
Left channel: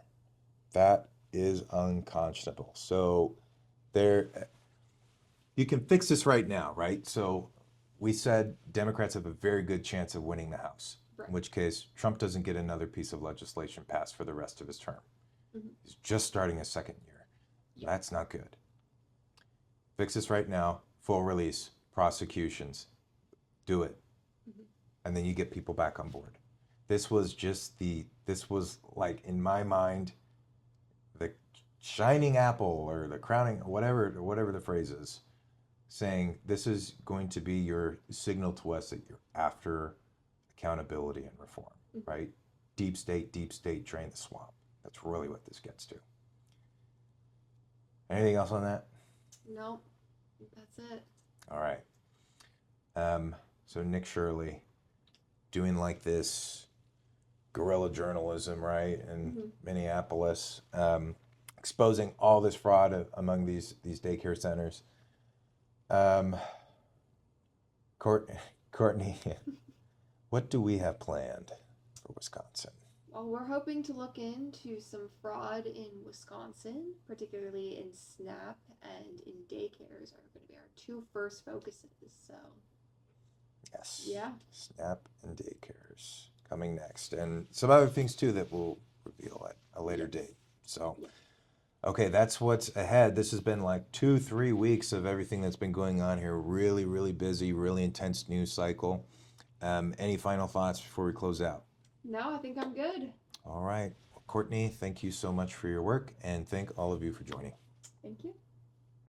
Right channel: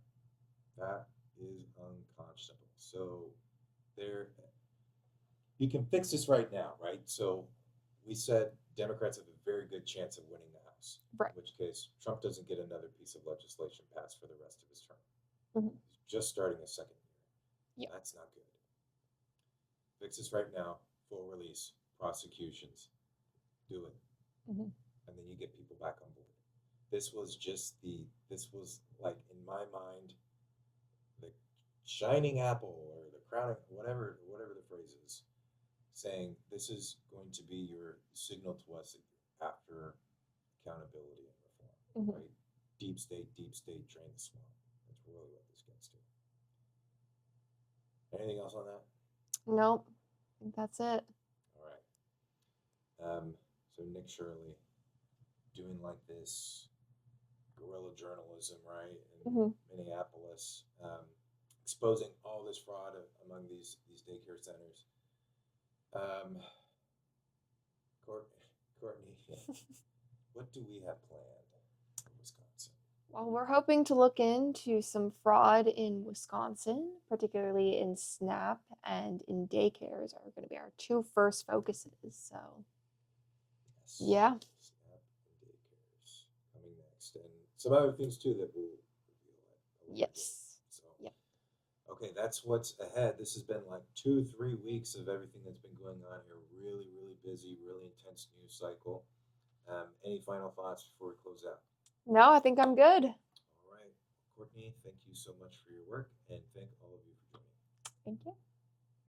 That is unconscionable. So you can fix this right now, right? So we said Democrats have a very good chance of winning the House, in which case Trump doesn't get another piece of legislation passed for the rest of his term. He's just starting his second year. That's not good. Fix this right now, full release, prosecutions, do it. And then you get people back on board. This was like, in my mind, the shining apple or the crowning, whatever the phrase is, saying this is going to be your signal to us that you're after accountability and reform, right? Deep state, drain the swamp. That's really what this gets to. Anything else on that? Nope, that's it. All right. So Nick Shirley doing like this guerrilla journalism, right, in Mhm. Minneapolis, exposing all this fraud among these daycare centers. Um, Court, Courtney, what do we have planned for Wisconsin? Well, we're hoping to look into some fraud in Wisconsin, particularly in SNAP and in daycares are going to be our two first focuses. So, Yes. yeah. SNAP and daycares coming next, and some other things too that we'll reveal at a later date. Yes. So, Yep. okay, that's what's ahead. This has been like 2, 3 weeks of everything that's been going on here. Really, really busy, really intense news cycle. Any final thoughts before we close out? No, I think I'm good. All right. Well, Courtney, thank you so much for your work, and thank all of you for joining. Thank you.